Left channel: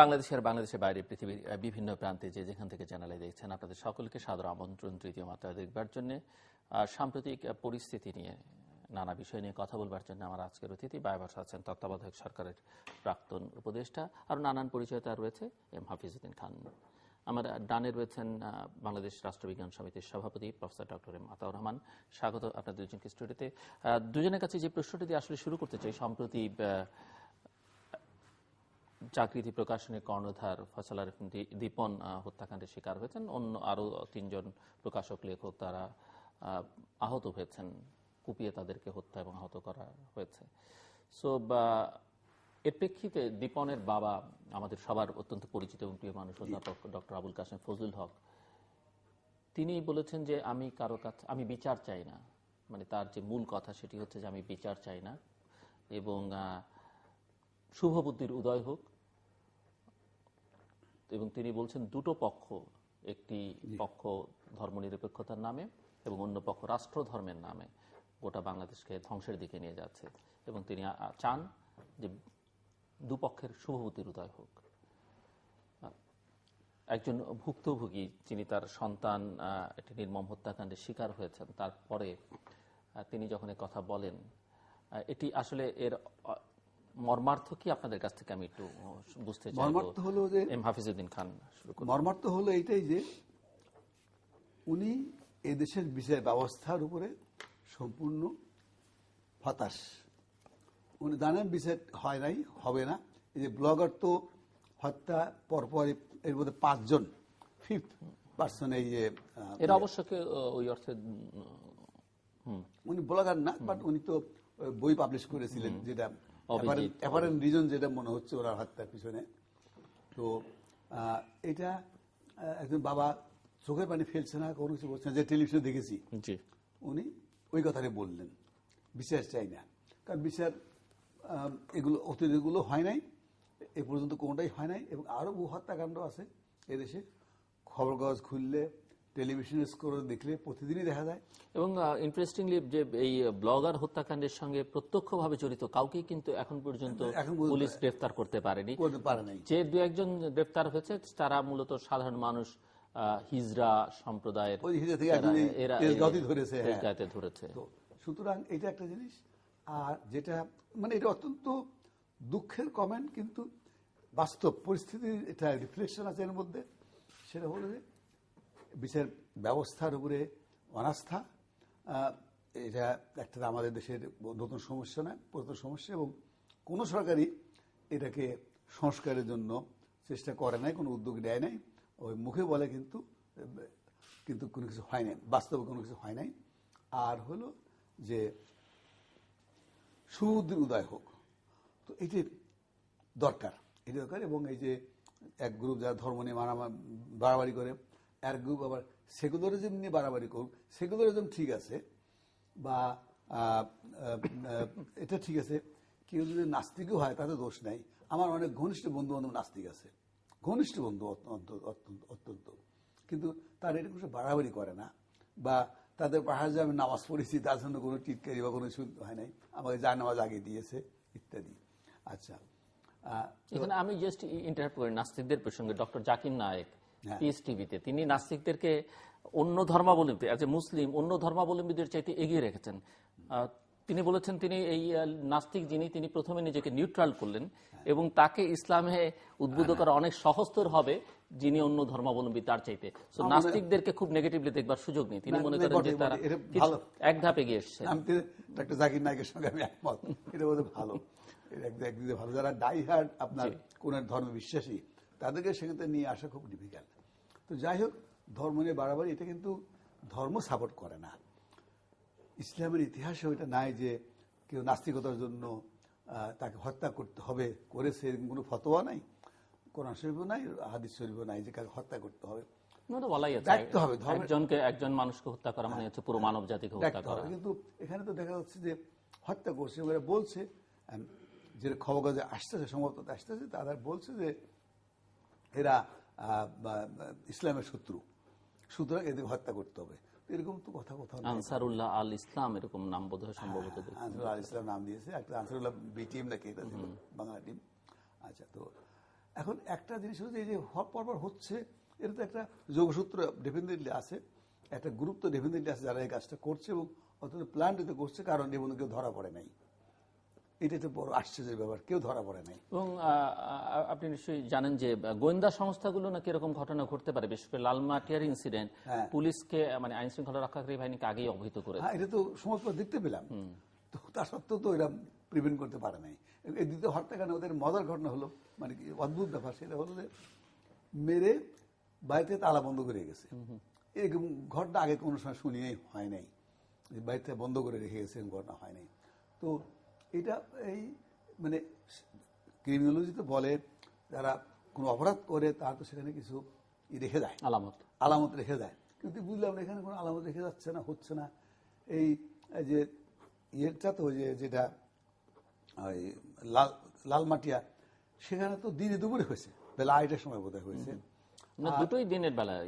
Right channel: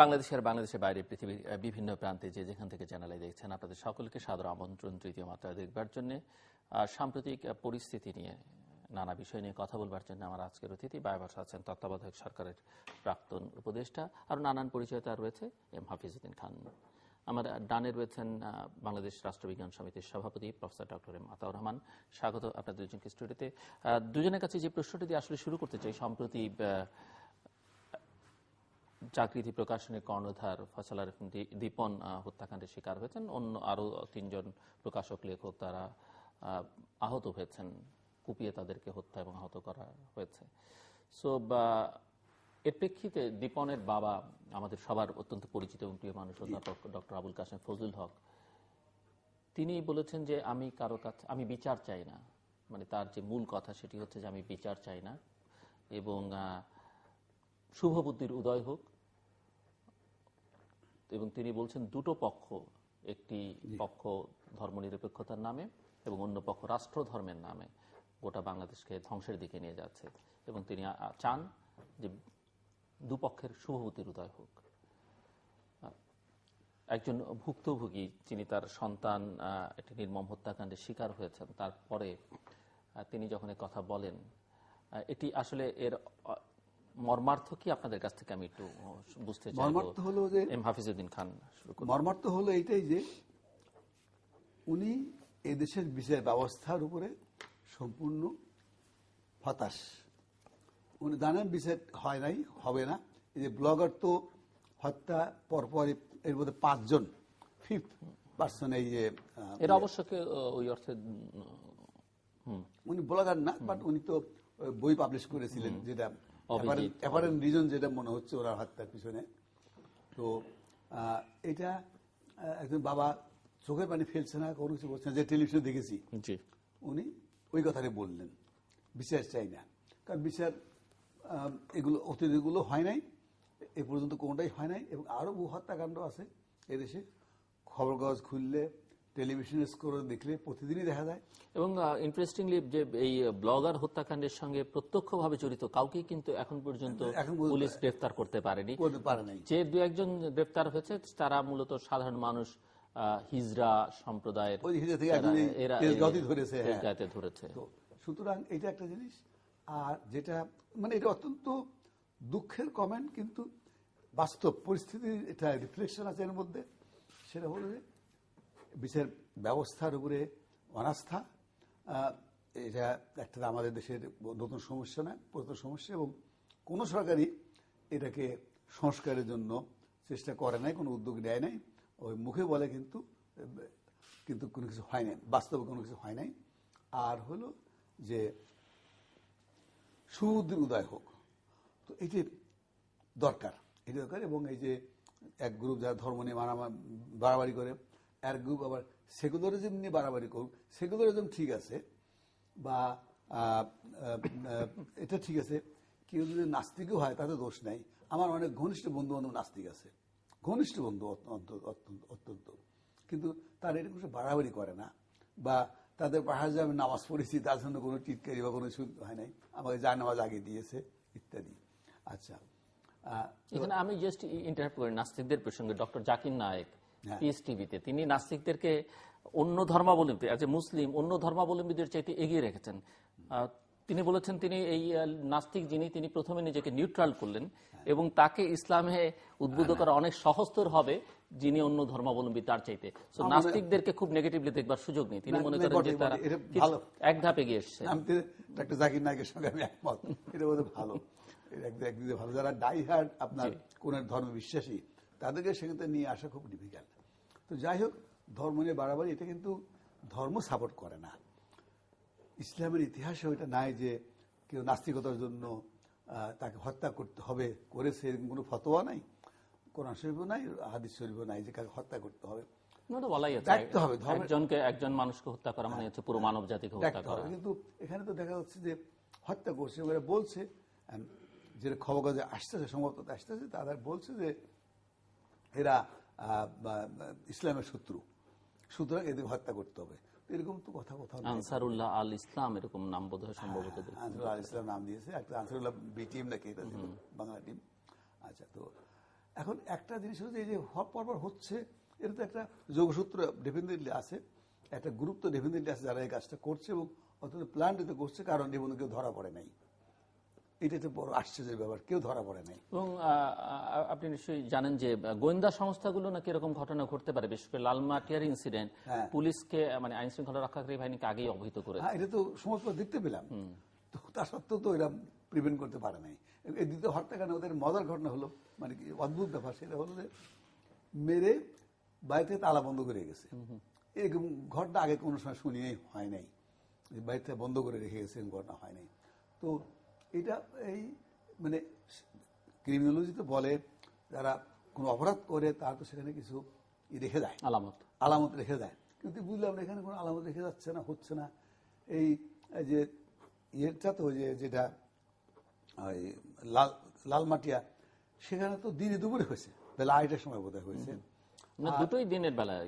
বাংলাদেশের বাইরে পৃথিবীর বিভিন্ন প্রান্তে যে যেখান থেকে চ্যানেলে দেখছেন, আপনাদের সকলকে সাদর আমন্ত্রণ তৃতীয় মাত্রা দেখবার জন্য। সাম্প্রতিক পরিস্থিতি নিয়ে নানা বিষয় নিয়ে কথা বলবার জন্য আমার আজকের অতিথি বায়বাসা আছেন তত্ত্বাবধায়ক সরকারের প্রাক্তন উপদেষ্টা, আর নানান পরিচয়তা রয়েছে এম হাফিজউদ্দিন খান। আমার ডানে রয়েছেন বাংলাদেশ রাষ্ট্রবিজ্ঞান সমিতির সভাপতি professor doctor M Ataur Rahman. স্বাগত আপনাদের দুজনকে স্টুডিওতে। দুজনের কাছে যে প্রশ্নটি দিয়ে আসলে শুরু করতে চাই, সম্প্রতি জাগৃতি প্রকাশনের কর্ণধার ফয়সাল আরেফ দীপন হত্যাকাণ্ডের শিকার হয়েছেন, অন্য আরো 3 জন প্রকাশক লেখক তারা আহত হয়েছেন, কুপিয়ে তাদেরকে হত্যা এবং আহত করা হয়েছে। সো এর প্রেক্ষিতে দীপনের বাবা, আমাদের সবার অত্যন্ত পরিচিত এবং প্রিয় মানুষ অধ্যাপক ডক্টর আবুল কাশেম ফজলুল হক, তিনি বলেছেন যে আমি কারো কাছে আমি বিচার চাই না। মানে তার যে মূল কথা সেটি হচ্ছে যে আমি বিচার চাই না এবং শুভ বুদ্ধির উদয় হোক। এবং তিনি বলছেন দুটো পক্ষ, একটি পক্ষ ধর্মনিরপেক্ষতার নামে এবং অন্য পক্ষ রাষ্ট্র ধর্মের নামে গোটা বাংলাদেশকে ধ্বংসের দিকে নিয়ে যাচ্ছে, এবং তিনি চান যে দুপক্ষের শুভ বুদ্ধির উদয় হোক। একজন ভুক্তভোগী, যিনি তার সন্তান একটি নির্মম হত্যাকাণ্ডের শিকার হয়েছেন, তারপরে তিনি যখন এই কথা বলেন, এটি আসলে এর মর্মার্থ কি আপনাদের কাছ থেকে আমি একটু বুঝতে চাই। মর্মার্থ হলো যে এম হাফিজউদ্দিন খান। মর্মার্থ হলো এইটাই যে উনি এদেশের বিচার ব্যবস্থার উপরে সম্পূর্ণ হতাশ। উনি জানেন বিচার হয় নাই, হবে না। এই যে ব্লগার তো হত্যা পরপর এর মধ্যে 5 জন, 5th পার্সন। এই যে এর অবশ্য ওই অর্থে উনি ব্লগার না, বাট উনি তো বই পাবলিশ করেছিলেন, যেটা অ্যাপারেন্ট রিজন যেটা মনে হচ্ছে ওরা হত্যার পিছনে। তো এটা একজন বাবা চোখের পানি ফেলছে না, কোনো কিছু বলছে না, যে টেলিভিশনে দেখেছি উনি ওই কথাটা বললেন, বিচার চাই না। কারণ বিচার এগুলো অতীতগুলো হয় নাই, এ পর্যন্ত কোনোটাই হয় নাই, এবং আরো বহু হত্যাকাণ্ড আছে এদেশে। খবর কাগজ খুললে, টেলিভিশন স্কোর দেখলে প্রতিদিনই দেখা যায়। এবং ইন্টারেস্টিংলি যে এই ব্লগার হত্যাকাণ্ডের সঙ্গে প্রত্যক্ষভাবে জড়িত কাউকে কিন্তু এখন পর্যন্ত পুলিশ গ্রেফতার করতে পারেনি। যে 2-1 জন গ্রেফতার হয়েছে তারা মূলত সাধারণ মানুষ, হিজড়া সম্প্রদায়ের ধরেছে। সুতরাং এটা একটা জিনিস। আর যেটা মানে এটা অত্যন্ত দুঃখের কমেন্ট, কিন্তু বাস্তব পরিস্থিতির এটা রিফ্লেকশন আছে এর মধ্যে। সেটা হলো যে বিচার ব্যবস্থার উপরে অনাস্থা। এটা একটা আমাদের দেশের নতুন সমস্যা না, পুরাতন সমস্যা, এবং কোন সরকারই এটাকে সংস্কারের জন্য চেষ্টা করে নাই, কোনো উদ্যোগ নেয় নাই। ওই মুখে বলে, কিন্তু কোনো কিছু হয় নাই, বাস্তবে কোনো কিছু হয় নাই। আর হলো যে সুবুদ্ধির উদয় হোক, তো এটি দরকার, এটি দরকার। এবং এই যে এক গ্রুপ যারা ধর্ম নিয়ে বাড়াবাড়ি করে, এক গ্রুপ আবার সেকুলারিজম নিয়ে বাড়াবাড়ি করুক। সেকুলারিজম ঠিক আছে, বা এটা ঠিক আছে, কেউ যদি নাস্তিকও হয় তাতে দোষ নাই। আমার অনেক ঘনিষ্ঠ বন্ধু বান্ধব নাস্তিক আছে, ঘনিষ্ঠ বন্ধু অত্যন্ত, কিন্তু তার এটা কোনো বাড়াবাড়ি করে না, বা তাদের পাহাড় যে আমি নামাজ পড়েছি তার জন্য কোনো টিটকারি বা কোনো শুদ্ধ হয় নাই, আমাকে যা নামাজ আগে দিয়েছে ইত্যাদি। আচ্ছা, এখানে আমি জাস্ট ইন্টারাপ্ট করি নাস্তিকদের প্রসঙ্গে। ডক্টর জাকির নায়েক পিস টিভিতে তিনি নাস্তিকদেরকে অন্য ধর্মাবলম্বী, মুসলিম অন্য ধর্মাবলম্বীদের চাইতে এগিয়ে রেখেছেন। তিনি বলেছেন তিনি এই নাস্তিক যিনি, তিনি প্রথমে নিজেকে নিউট্রাল করলেন এবং তাকে ইসলামে উদ্বুদ্ধ করা অনেক সহজতর হবে যিনি অন্য ধর্মাবলম্বী তার চাইতে। সো নাস্তিকদেরকে খুব নেগেটিভলি দেখবার সুযোগ নেই। তিনি মনে করেন যে তারা এক ধাপ এগিয়ে এসেছে। ডক্টর জাকির নায়েকের সঙ্গে আমি একমত, এটা বোধহয় ভালো, একদিকে ভালো। যারা ডাই হার্ড আপনার কোন ধর্ম বিশ্বাসী, তাদেরকে সেখানে নিয়ে আসা খুব ডিফিকাল্ট। তো যাই হোক, ধর্ম নিয়ে বাড়াবাড়ি এটা কিন্তু ধর্ম সাপোর্ট করে না। ইসলামের ইতিহাসে ওইটা নাই যে কেউ নাস্তিকতার জন্য তাকে হত্যা করতে হবে, করেছে, এরকম কোনো ফতোয়া নাই, কোরআন শরীফও নাই, হাদিস শরীফও নাই যে কাকে হত্যা করতে হবে। একজন মানুষকে হত্যা করা মানে হচ্ছে পুরো মানব জাতিকে হত্যা করা। কিন্তু এখানে তো দেখা যাচ্ছে যে হত্যা করছে, বলছে যে খবর কাজে আসতেছে, সম্ভবত আসতেছে, তারা বলছে যে এরা ইসলামের শত্রু, সুতরাং এদের হত্যা করতে হবে। এরকম তো কথা আনসারুল্লাহ আল ইসলাম এরকম নাম বোধহয় সম্ভবত আনসারুল্লাহ আল ইসলাম নাম দিয়েছে, একটা আনসারুল্লাহ বি টিম নাকি এটা ছিল, বাংলা টিম। আচ্ছা, তো এখন একটা জিনিস হচ্ছে এই যে পরপর হচ্ছে, এটা তো একটা যোগসূত্র ডেফিনেটলি আছে, একটা গুরুত্ব ডেফিনেটলি আছে যারা এই কাজটা করছে এবং অত্যন্ত প্ল্যান করছে, কারণ এর মধ্যে কেউ ধরা পড়ে নাই। এটা একটা বড় আশ্চর্যের ব্যাপার, কেউ ধরা পড়ে নাই। এবং আপনি নিশ্চয়ই জানেন যে গোয়েন্দা সংস্থাগুলো নাকি এরকম ঘটনা ঘটতে পারে, বিশেষ করে লালমাটিয়ার ইনসিডেন্ট পুলিশকে মানে আইন শৃঙ্খলা রক্ষাকারী বাহিনীকে আগেই অবহিত করেছে। এটা তো সময় পর দেখতে পেলাম, তো তা সত্ত্বেও তো এরা প্রিভেন্ট করতে পারে নাই। এই দ্বিতীয় হত্যাকাণ্ডে ওদের মজার ঘটনা হলো, মানে কি অদ্ভুত ব্যাপার, সেটা হলো যে মেরে বাড়িতে তালা বন্ধ করে গেছে। এই ঘটনা আগে কোনো সময় শুনিয়ে হয় নাই, বাড়িতে বন্ধ করে রেখে গেছে, ঘটনা হয় নাই। তো এটা এই মানে ক্রিমিনোলজিতে বলে যারা কোনো অপরাধ করে তার তো সেখানে কিছু রেখে দেয়, আলামত রেখে দেয়, কিন্তু বুঝলাম না এখানে কোনো আলামত রেখে যাচ্ছে না, হচ্ছে না। এই যে ইয়েটা তো যেটা লালমাটিয়া, সেখানে তো দিনে দুপুরে হয়েছে, বেলা 8টার সময় বোধহয় হয়েছে, দুটোই দিনের বেলায়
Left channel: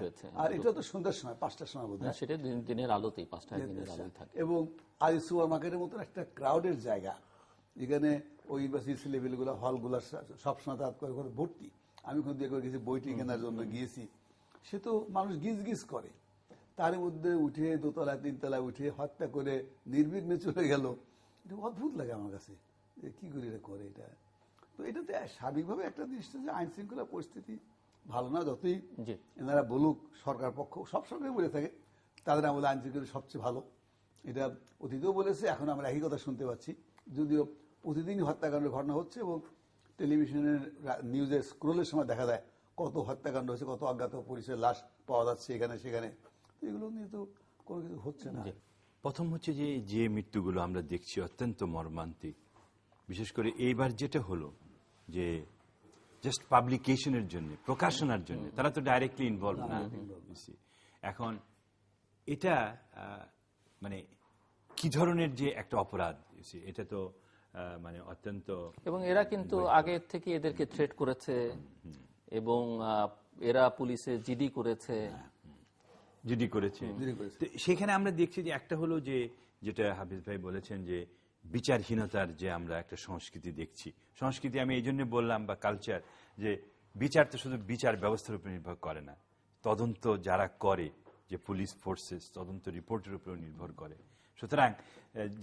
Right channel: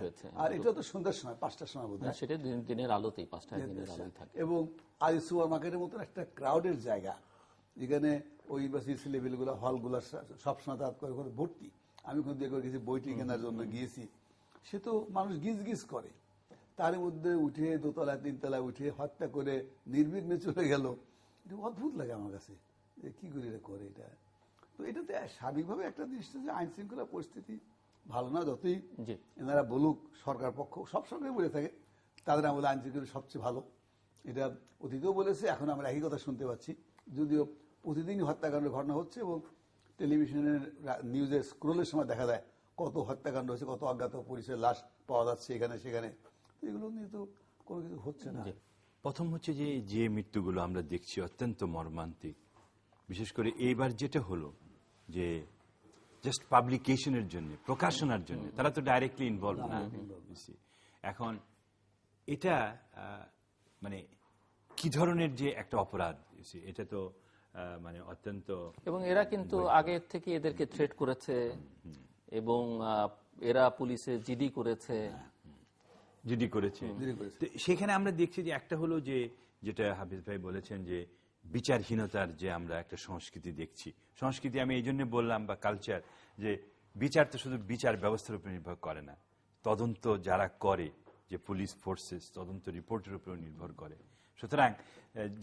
হয়েছে, আর এটা তো সন্ধ্যার সময় 5টার সময় বোধহয়, সেটা দিনের আলোতেই 5টায় দিনের আলোয় থাকে। এবং আজ সুপার মার্কেটের মতন একটা ক্রাউডের জায়গা, যেখানে ওই ইউনিভার্সিটি লেভেলগুলো হলগুলো সবসময় তাৎ করে করে ভর্তি। আমি কোন দিয়ে করে গেছি বইটি কেনার জন্য গিয়েছি, সে তো মানুষ গিজ গিজ করে, তার মধ্যে উঠে দোতলায় 3তলায় উঠে হত্যা করে নির্বিঘ্নে চলে গেল। অদ্ভুত লাগে আমার কাছে, যে কি করে এটা করে এটা। তো এটাতে স্বাভাবিকভাবে একটা জিনিস যে আইন শৃঙ্খলা পরিস্থিতি ভালো না, যতই এনারা বলুক, সরকার পক্ষ সবসময় বলে থাকে তাদের আমলে আইন শৃঙ্খলা সবচেয়ে ভালো। এটা অতীতেও বলেছে, এখন আমরা একই কথা শুনতে পাচ্ছি, যদিও প্রতিদিনই হত্যাকাণ্ডের ঘটনা হচ্ছে এবং টেলিভিশনের নিউজের স্ক্রোলের সময় দেখা যায় কত হত্যাকাণ্ড হচ্ছে, কত অজ্ঞাত পরিচয়ের লাশ পাওয়া যাচ্ছে এখানে সেখানে। এগুলো নিয়ে তো কোনো কিছু হচ্ছে না। প্রথম হচ্ছে যে মৃত্যুগুলো আমরা দেখছি অত্যন্ত মর্মান্তিক, বিশেষ করে এইবার যেটা হলো যে জাস্ট পাবলিকেশনের জন্য, প্রকাশনার জন্য, তারা তো ডাইরেক্টলি ইনভলভ না। এখন এটা মানে কি ধরনের যে একটা অপরাধ, এটা তো মানে অত্যন্ত, এবং এরা কিন্তু আগে থেকে এদেরকে থ্রেট করেছে এবং এরা পুলিশে জিডি করেছে। সেখানে আমরা দেখছি যে একটা হলো যে যেটা হাফিজ ভাই বলেছেন যে বিচারহীনতার যে আমরা একটা সংস্কৃতি দেখছি। সংস্কৃতি আমি এই জন্য বললাম, বা কালচার, যে বিচার তো শুধু বিচার ব্যবস্থার উপর নির্ভর করে না, তদন্ত যারা করে যে পুলিশ ফোর্সেস, তদন্ত রিপোর্টের উপর নির্ভর করে। সুতরাং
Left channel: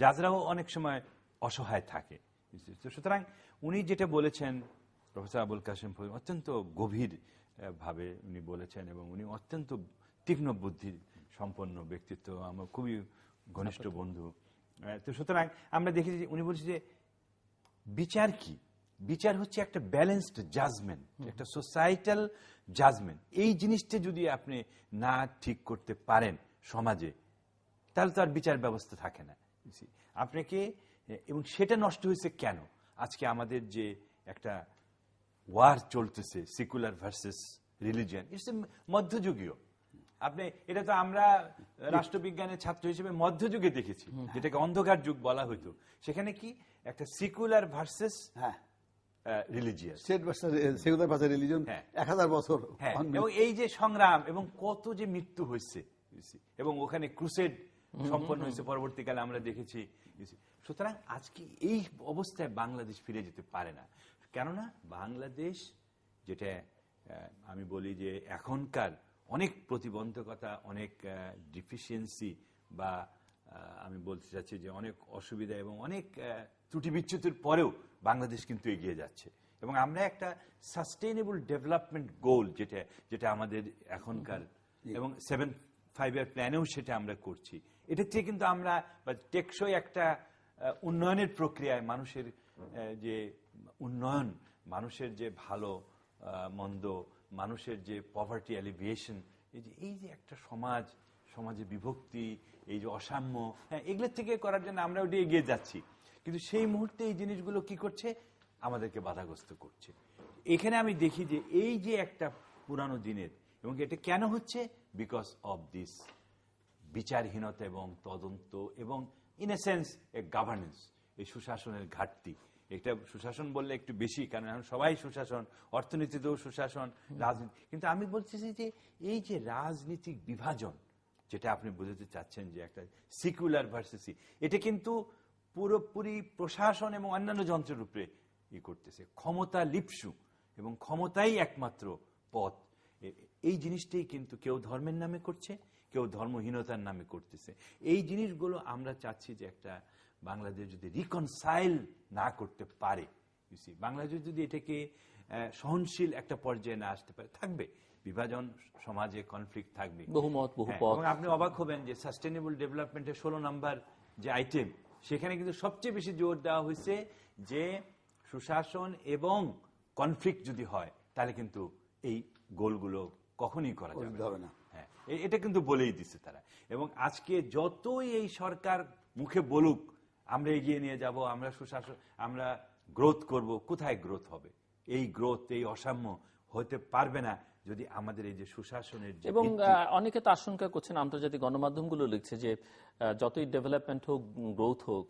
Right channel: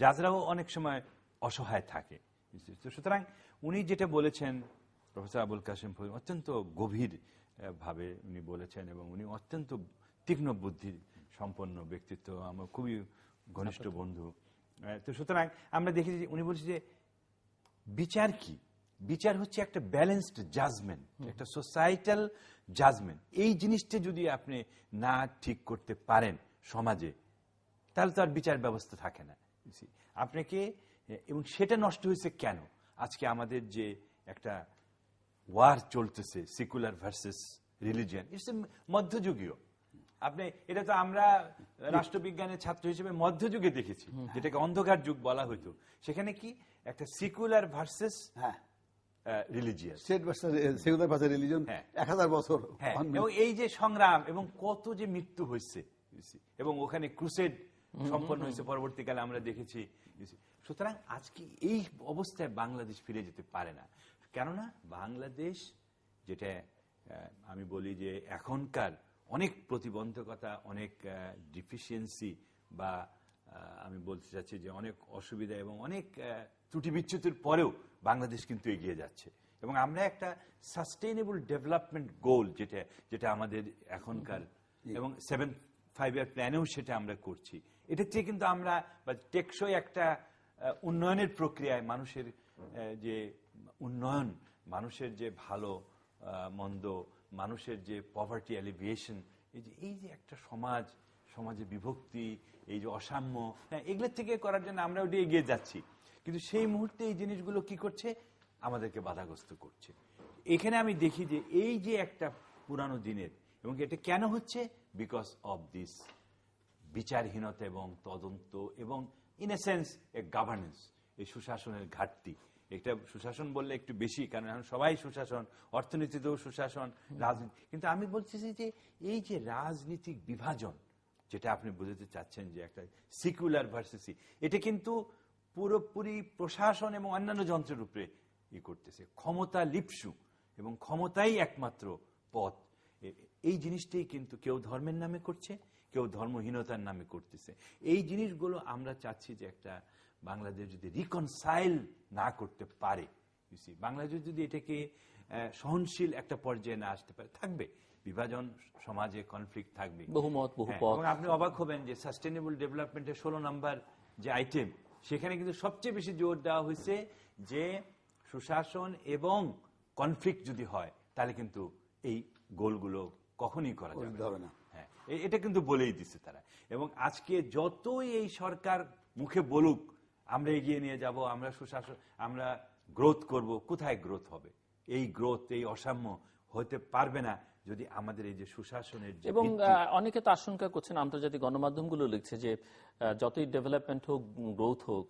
জাজরাও অনেক সময় অসহায় থাকে। সুতরাং উনি যেটা বলেছেন, প্রফেসর আবুল কাসেম অত্যন্ত গভীর ভাবে উনি বলেছেন এবং উনি অত্যন্ত তীক্ষ্ণ বুদ্ধির সম্পন্ন ব্যক্তিত্ব, আমার খুবই ঘনিষ্ঠ বন্ধু। তো সুতরাং আমরা দেখি যে উনি বলছেন যে বিচার কি? বিচার হচ্ছে একটা ব্যালেন্সড জাজমেন্ট, একটা সোসাইটাল জাজমেন্ট। এই জিনিসটা যদি আপনি না ঠিক করতে পারেন সমাজে, তাহলে তো আর বিচার ব্যবস্থা থাকে না আপনাকে। এবং সেটা নষ্ট হয়েছে কেন? আজকে আমাদের যে একটা ওয়ার চলতেছে, সেকুলার ভার্সেস রিলিজিয়ান, ইটস মধ্যযুগীয়। আপনি এটা তো আমরা রাষ্ট্রবিজ্ঞানের ছাত্র হিসেবে মধ্যযুগে দেখেছি, যেটাকে অন্ধকার যুগ বলা হইতো। সেখানে কি একটা সেকুলার ভার্সেস রিলিজিয়ান, 1000 বছর, এবং এই যে সংগ্রাম এবং কত যে মৃত্যু হয়েছে, এবং ওখানে ক্রুসেড সম্পন্ন হয়েছে পরবর্তীকালে আমরা দেখেছি। সুতরাং আজকে এই অবস্থায় বাংলাদেশ ফিরে যেতে পারে না। কেননা বাংলাদেশ, যেটা আমি বলি যে এখনকার অনেক প্রতিবন্ধকতা, অনেক ডিফিসিয়েন্সি, বা আমি বলতে চাচ্ছি যে অনেক অসুবিধা এবং অনেক ত্রুটি বিচ্যুতির পরেও বাংলাদেশ কিন্তু এগিয়ে যাচ্ছে। এবং আমরা একটা সাস্টেইনেবল ডেভেলপমেন্ট গোল, যেটা আমাদের এখনকার, এবং 7-5 প্ল্যানেও সেটা আমরা করছি। এটা থেকে কিন্তু আমরা টেকসই একটা উন্নয়নের প্রক্রিয়ায়, মানুষের যে উন্নয়ন, মানুষের যে ভালো মন্দ, মানুষের যে পভার্টি এলিভিয়েশন, এই যে একটা সমাজে বিভক্তি, এই যে অসাম্য, এগুলোর থেকে করার জন্য আমরা ওটা এগিয়ে যাচ্ছি। কিন্তু সেই মুহূর্তে এই জিনিসগুলো কি করছে? আমাদেরকে বাধাগ্রস্ত করছে। এখানে আমি দেখি যে এই যে একটা পুরানো দিনের, এবং এটা কেন হচ্ছে? বিকজ অফ দিস বিচারহীনতা এবং তদন্ত, এবং in a sense A governance, এই সুশাসনের ঘাটতি। এটা সুশাসন বললে একটু বেশি, কারণ এখন সবাই সুশাসন, অর্থনীতিতেও সুশাসন, রাজনীতি। কিন্তু আমি বলছি যে এই যে রাজনীতিক বিভাজন, যেটা আপনি বুঝতে চাচ্ছেন যে একটা সেকুলার ভার্সেস, এটা কিন্তু পুরোপুরি প্রশাসন এবং অন্যান্য যন্ত্রের উপরে করতেছে, ক্ষমতা লিপসু। এবং ক্ষমতাই একমাত্র পথ। এই জিনিসটাই কিন্তু কেউ ধর্মের নামে করছে, কেউ ধর্মহীনতার নামে করতেছে। এই জিনিসগুলো আমরা চাচ্ছি যে একটা বাংলাদেশ যদি রিকনসাইল না করতে পারে, বাংলাদেশ যদি এটাকে সহনশীল একটা পর্যায়ে না আসতে পারে, থাকবে বিভাজন, সমাজে কনফ্লিক্ট থাকবে, বহুমত বহুপথ। এবং আপনি অবাক হবেন যে সাস্টেনেবল ডেভেলপমেন্টের 16 নম্বর যে আইটেম, সেখানে কিন্তু সবচেয়ে বেশি জোর দেওয়া হয়েছে যে সুশাসন এবং কনফ্লিক্ট যদি হয় তাহলে কিন্তু এই গোলগুলো কখনই করা যাবে না। হ্যাঁ, এটা কিন্তু বলেই দিচ্ছে তারা। এবং আজকে যতই এই সরকার মুখে বলুক আমরা এগিয়ে নিয়ে যাব, আমরা সুশাসন, আমরা গ্রোথ করব, কোথায় গ্রোথ হবে? এই গ্রোথ, এই অসাম্য হতে পারবে না যদি আমাদের এই যে সুশাসনের, এবং অনেকে তো আশঙ্কা করছেন, আন্তর্জাতিক গণমাধ্যমগুলো লিখছে যে যতই ডেভেলপমেন্ট হোক, গ্রোথ হোক,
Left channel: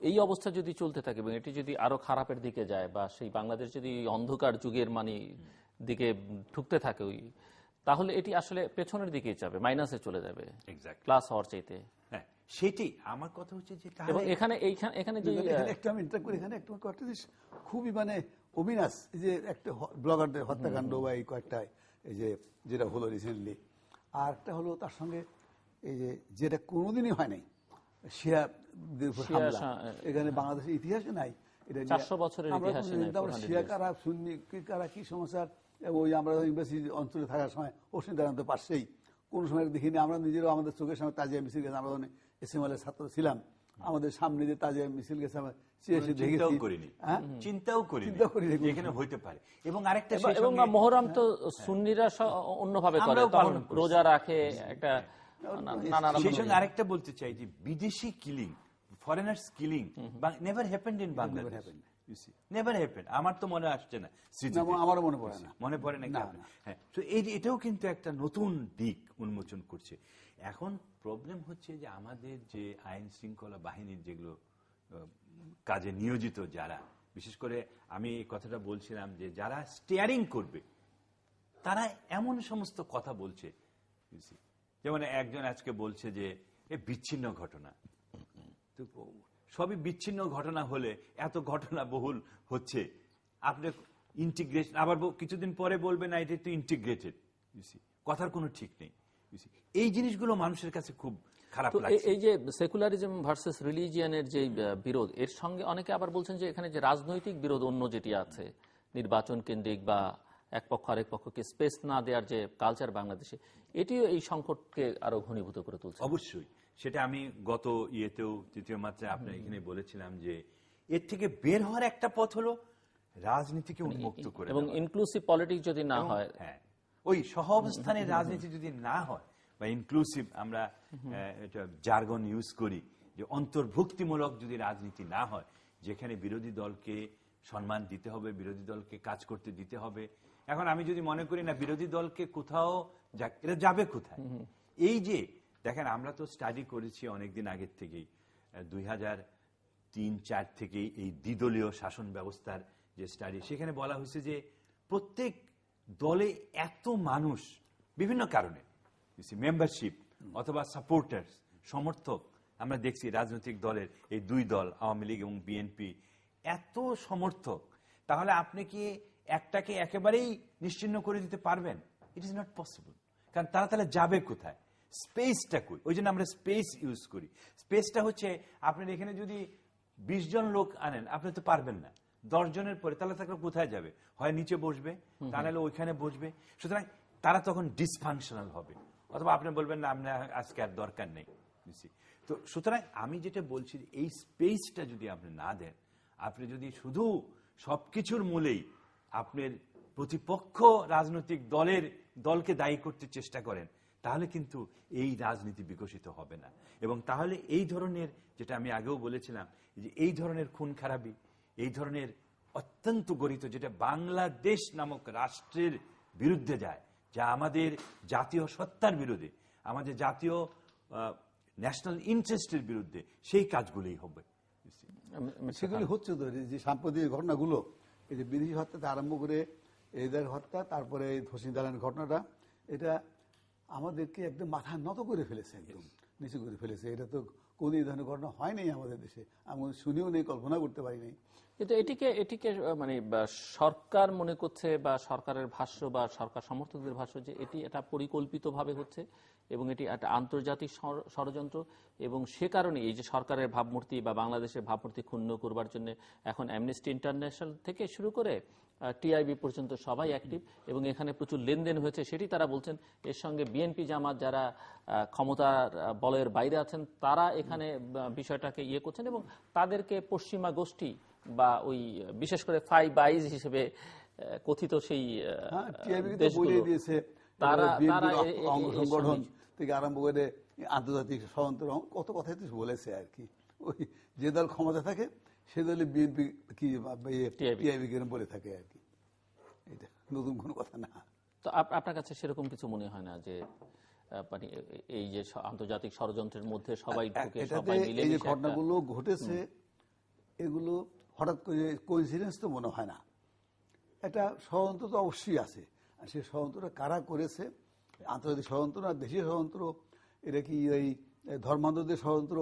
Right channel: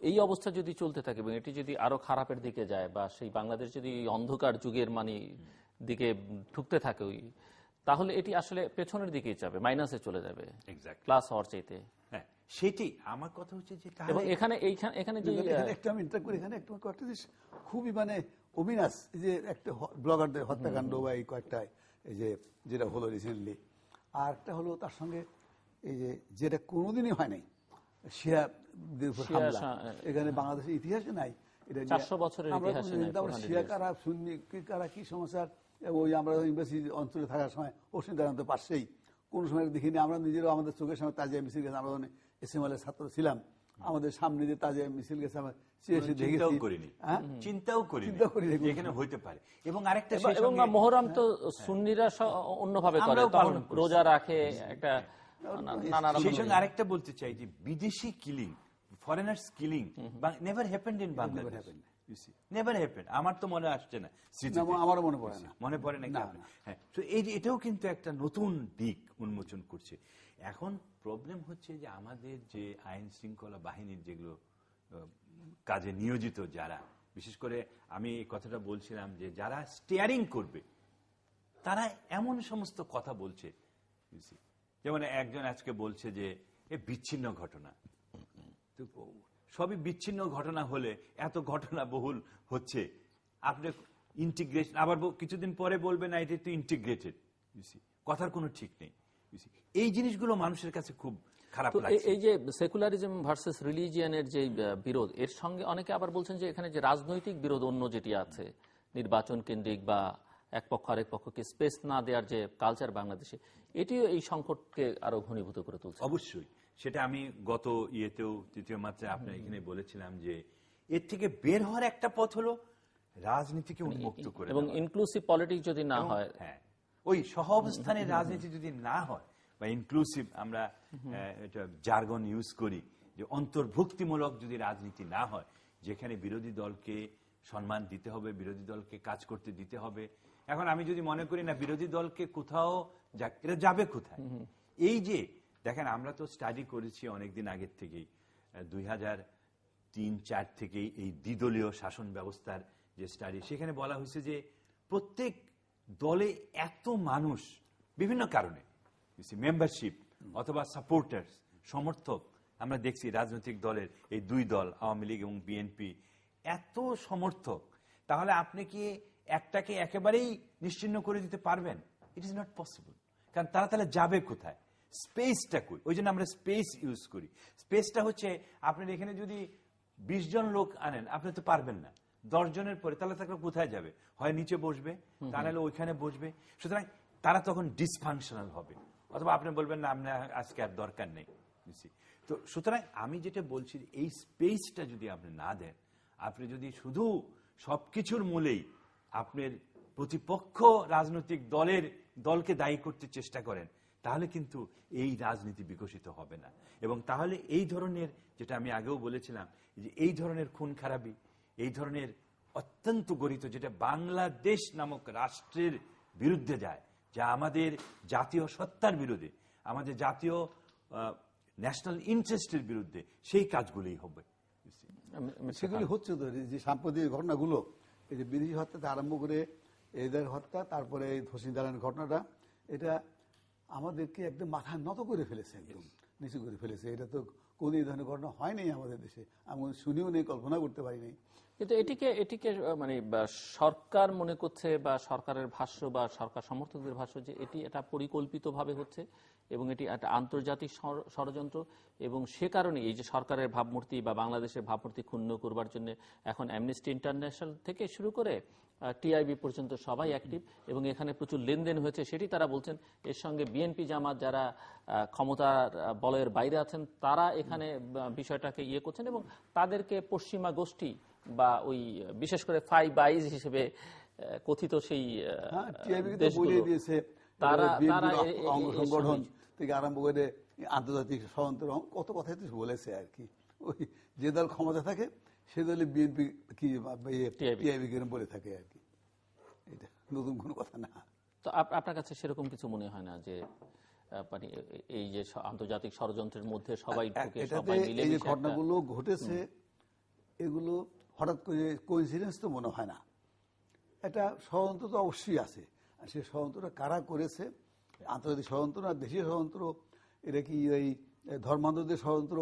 এই অবস্থা যদি চলতে থাকে এবং এটি যদি আরো খারাপের দিকে যায়, বা সেই বাংলাদেশ যদি অন্ধকার যুগের দিকে ঠুকতে থাকে, তাহলে এটি আসলে পেছনের দিকেই যাবে, মাইনাসে চলে যাবে, প্লাস হওয়ার চাইতে। হ্যাঁ, সেটি আমার কথা হচ্ছে যে এবং এখানে যে একটা আমি ইন্টার করি, এখানে একটা খুবই অবিনাশ, এই যে একটা ব্লগারদের হত্যাকাণ্ড বা এই কয়েকটা, এই যে যেটা হলো রিসেন্টলি, আর একটা হলো তার সঙ্গে এই যে যেটা কোনোদিনই হয় নাই, এখানে বাংলাদেশের ইতিহাসে নাই, 400 বছরের ইতিহাসে নাই। শিয়া কারা, সুন্নি কারা, কি সমস্যা, ওই আমরা ইউনিভার্সিটি অঞ্চলে থাকার সময় পশ্চিম দাঁড়াতে পারছেই কোন সময় দেখিনি। আমরা নিজেরাও আমাদের চোখের সামনে তাজিয়া মিছিল গেছে, আমরা এসএমএলের ছাত্র ছিলাম, আমাদের সামনে যে তাজিয়া মিছিল গেছে আমরা চিন্তাও করি এখানে হইতে পারে। এবং আরেকটা, এবং মহরম তো সুন্নিরা অন্যভাবে করে, রোজা রাখে, একটা সেই সঙ্গে আরেকটা বলতে চাই যে বিদেশি killing, foreigners killing never happened in Bangladesh, never happened. আমার তো মনে আসছে না, আমার মনে পড়ে না, মনে পড়ে না। হ্যাঁ, তো এই যে এটাও কিন্তু একটা নতুন দিক উন্মোচন করছে। এখন প্রবলেম হচ্ছে যে আমাদের যে আইন শৃঙ্খলা বাহিনীর যেগুলো কাজে নিয়োজিত যারা, বিশেষ করে আমি এই কথাটা বলছিলাম যে যারা স্টিয়ারিং করবে তারা এমন সমস্ত কথা বলছে, যেমন একজন আজকে বলছে যে এ বিচ্ছিন্ন ঘটনা। সবই বিচ্ছিন্ন ঘটনা হলে এত ঘটনা বহুল হচ্ছে, আপনি ইন্টিগ্রেশন, আবার কিছুদিন পরে বলবেন না এটা তো ইন্টিগ্রেটেড, কথার কোনো ঠিক নেই। এই জিনিসগুলো মানুষের কাছে খুব খারাপ লাগছে। এই যে সেকুলারিজম ভার্সেস রিলিজিয়ানের যে বিরোধ, এর সঙ্গে অনেকে আবার বলছেন যে এখানে যে রাজনৈতিক বিরোধ অন্য যেটি আছে, নির্বাচন কেন্দ্রিক বা এক পক্ষ আরেক পক্ষকে স্পেস না দেওয়ার যে কালচার বাংলাদেশে, এটিও এই সংকটকে আরো ঘনীভূত করে তুলছে। অবশ্যই, সেটা আমি গত ইয়েতেও তৃতীয় মাত্রায় আপনার এখানে বলেছিলাম যে এর থেকে বের হওয়ার একটা পথ হলো রাজনীতিকে উন্মুক্ত করে, এবং ইনক্লুসিভ পলিটিক্স যদি না হয়, হ্যাঁ, ওই সহ অবস্থানের রাজনীতি যদি না হয় বা ইনক্লুসিভ, আমরা এটা জার্গন ইউজ করি যে অন্তর্ভুক্তিমূলক যদি রাজনীতি না হয়, যেখানে বিরোধী দলকে সম্মান দিতে হবে, বিরোধী দলকে কাজ করতে দিতে হবে। এখন আমি যদি মনে করি না বিরোধী দলকে কোথাও, এরা যাবে কোথায়? এই যে দেখেন, আমরা তো স্টাডি করেছি অনেকদিন আগের থেকেই, 2003-04 থেকেই এই দ্বিদলীয় শাসন ব্যবস্থার যে স্টাডি, সেখানে বলা হয়েছে যে প্রত্যেক দলে এত মানুষ বিভিন্ন কারণে, মেম্বারশিপ অথবা সাপোর্টার্স, সমর্থক, আমরা দেখছি রাজনৈতিক দলের এই দুই দল, আওয়ামী লীগ এবং বিএনপি, এত সমর্থক, তাহলে আপনি কি একটাকে একেবারেই নিশ্চিহ্ন করে দিতে পারবেন? It is not possible. কারণ তারা তাহলে যাবে কোথায়? স্পেসটা কই? ওই জন্য আমরা স্পেস ইউজ করি। স্পেসটা হচ্ছে, আপনার এখানে যদি 20 জন লোক আনেন, আপনি তো পারবেন না। 10 জনের পরে তাহলে তাকে কোথায় যাবে? হয় নিচে বসবে, তাহলে ওইখানে বসবে। সুতরাং তারা তখন ডিসফাংশনাল হবে, অথবা আপনি বলবেন না আমরা আজকে আর দরকার নেই। তো সুতরাং আমি যেটা বলছি, এই স্পেসটা যদি আপনি না দেন, আপনি যদি শুধু সবকিছুর মূলেই আপনার প্রতিপক্ষ রাজনৈতিক দলকে দায়ী করতে চেষ্টা করেন, তাহলে কিন্তু এই রাজনীতি বিকশিত হবে না। এবং তাহলে এই ধরনের, যেটা আমি আগেও বলেছিলাম, যে এই ধরনের খুন খারাপি, এই ধরনের অত্যন্ত গরিত, যেটা বাংলাদেশ নামক রাষ্ট্রের বিরুদ্ধে যায়, যা আমাদের জাতীয় সত্তার বিরুদ্ধে, আমাদের জাতীয় ন্যাশনাল ইন্টারেস্টের বিরুদ্ধে, সেই কাজগুলোই হবে। সেগুলি হচ্ছে তো, যে সাম্প্রতিক ঘটনাগুলো, এই যে বিদেশি হত্যা আরম্ভ করে এদের হত্যা, তারপরে ধসি দালানের ঘটনাটা, এটা আমাদেরকে একদম মাথা নত করে ফেলেছে। একদম নিচু করে ফেলেছে। এটা তো কোনদিন এই ধরনের ঘটনা হয়নি আমাদের দেশে, আমি শুনিও নেই, কল্পনা করতে পারিনি। কিন্তু এটিকে মানে সরকার মনে করছে বা সরকারের ভাষ্য বা সরকার সমর্থকদের ভাষ্য যে এটা পরিকল্পিতভাবে হচ্ছে এবং এটি একটা আন্তর্জাতিক ষড়যন্ত্র, এবং সে কারণে এই যে সরকারের ভাবমূর্তি বা বাংলাদেশের ভাবমূর্তি ক্ষুণ্ণ করবার জন্য এখন অ্যামনেস্টি ইন্টারন্যাশনাল থেকে শুরু করে টিআইবি পর্যন্ত সবাই অ্যাক্টিভ, এবং এখানে প্রচুর লেনদেন হয়েছে সেটি তারা বলছেন। এর সঙ্গে বিএনপি জামাত যারা ক্ষমতার বলয়ের বাইরে আছেন তারা এখানে বিষয়টাকে ইয়ে করছেন, এবং তাদেরকে পশ্চিমা গোষ্ঠী বা ওই বিশেষ করে ফাইভ আইজ হিসেবে কথিত সেই সংগঠন থেকে আরম্ভ করে আন্তর্জাতিক ষড়যন্ত্র কত কথাই তো বলেছে আর কি। ওই যে দল ক্ষমতা থাকে সে দলে বিএনপি কি টিআইবি বলে থাকে আর কি, এটা নতুন কোনো কথা না। তো আপনার কাছে সেরকম কিছু মনে হয় না যে মানে এই যে আন্তর্জাতিক ষড়যন্ত্রের মধ্যে সবাই ঢুকে সবাই মিলে এই যে ঘটনাগুলো ঘটেছে এগুলো হঠাৎ করে কোইন্সিডেন্স তো মনে হয় না, এটা ষড়যন্ত্র তো অবশ্যই আছে। আর সেই ষড়যন্ত্রটা কারা করেছে, আন্তর্জাতিক ষড়যন্ত্র না দেশীয় ষড়যন্ত্র, এটা কি এই ধর্মান্ধদের ষড়যন্ত্র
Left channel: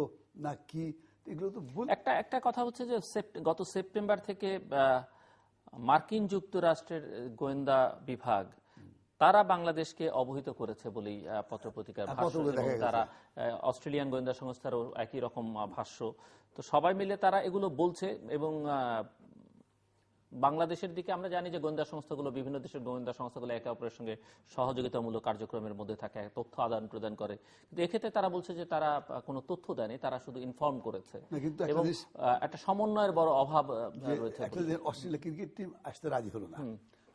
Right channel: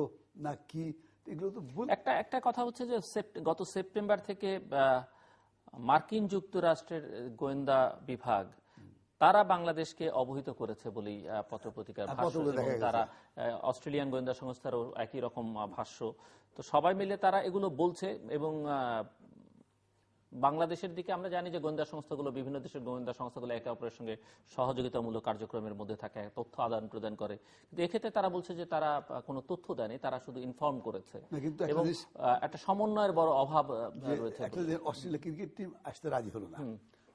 না কি, এগুলো তো একটা কথা হচ্ছে যে গত সেপ্টেম্বর থেকে মার্কিন যুক্তরাষ্ট্রের গোয়েন্দা বিভাগ তারা বাংলাদেশকে অবহিত করেছে বলেই পত্রপত্রিকার ভাষ্য, এবং তারা অস্ট্রেলিয়ান গোয়েন্দা সংস্থারও একই রকম ভাষ্য। তো সবাই মিলে তারা এগুলো বলছে, এবং বাংলাদেশের দিকে আমরা জানি যে গোয়েন্দা সংস্থাগুলো, বিভিন্ন দেশের গোয়েন্দা সংস্থাগুলো একে অপরের সঙ্গে সহযোগিতামূলক কার্যক্রমের মধ্যে থাকে, তথ্য আদান প্রদান করে। কিন্তু এক্ষেত্রে তারা বলছে যে তারা কোনো তথ্য দেয়নি, তারা শুধু ইনফর্ম করেছে, এবং একটা সমন্বয়ের বড় অভাব রয়েছে। অস্ট্রেলিয়া ক্রিকেট টিম আসতে রাজি হলো না,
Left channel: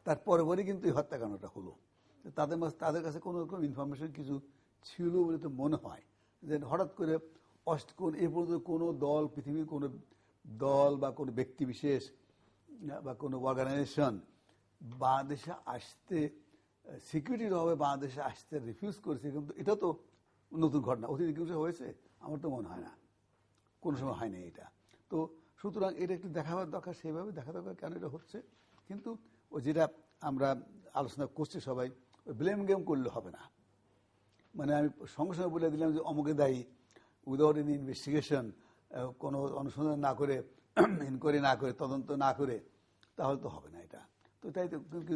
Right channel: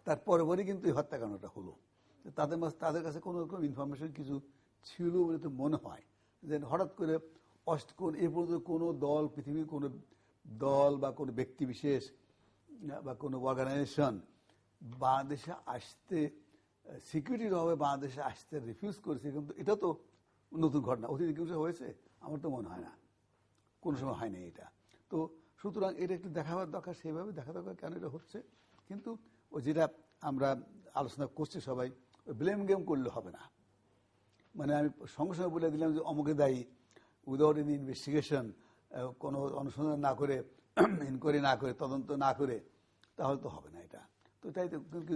তারপরে কিন্তু এই হত্যাকাণ্ডটা হলো। তাদের কাছে কোনো রকম ইনফরমেশন কিছু ছিল বলে তো মনে হয় যে হঠাৎ করে এ পর্যন্ত কোনো দল, পৃথিবীর কোনো দল বা কোনো ব্যক্তি বিশেষ বা কোনো অর্গানাইজেশন বাংলাদেশে আসতে সিকিউরিটির অভাবে বাংলাদেশে আসতে রিফিউজ করেছে, কিন্তু এটা তো নতুন ঘটনা। অতীতে কিছু হয়েছে আমার তো মনে হয় না, কোনো সময় হয়নি এটা। তো সুতরাং এটা একটু দেখাবার দরকার, সেইভাবে দেখা দরকার কেন এটা হচ্ছে। কিন্তু ওই যেটা আমরা আলোচনা করছি সবাই, ব্লেম গেম করলে হবে না। মানে আমি সঙ্গে সঙ্গে বলে দিলাম যে অমুকে দায়ী, উইদাউট এনি ইনভেস্টিগেশন, কোনো অনুসন্ধান না করে, ইনকোয়ারি না করে, তদন্ত না করে, তাহলে তো হবে না এটা। তো তাই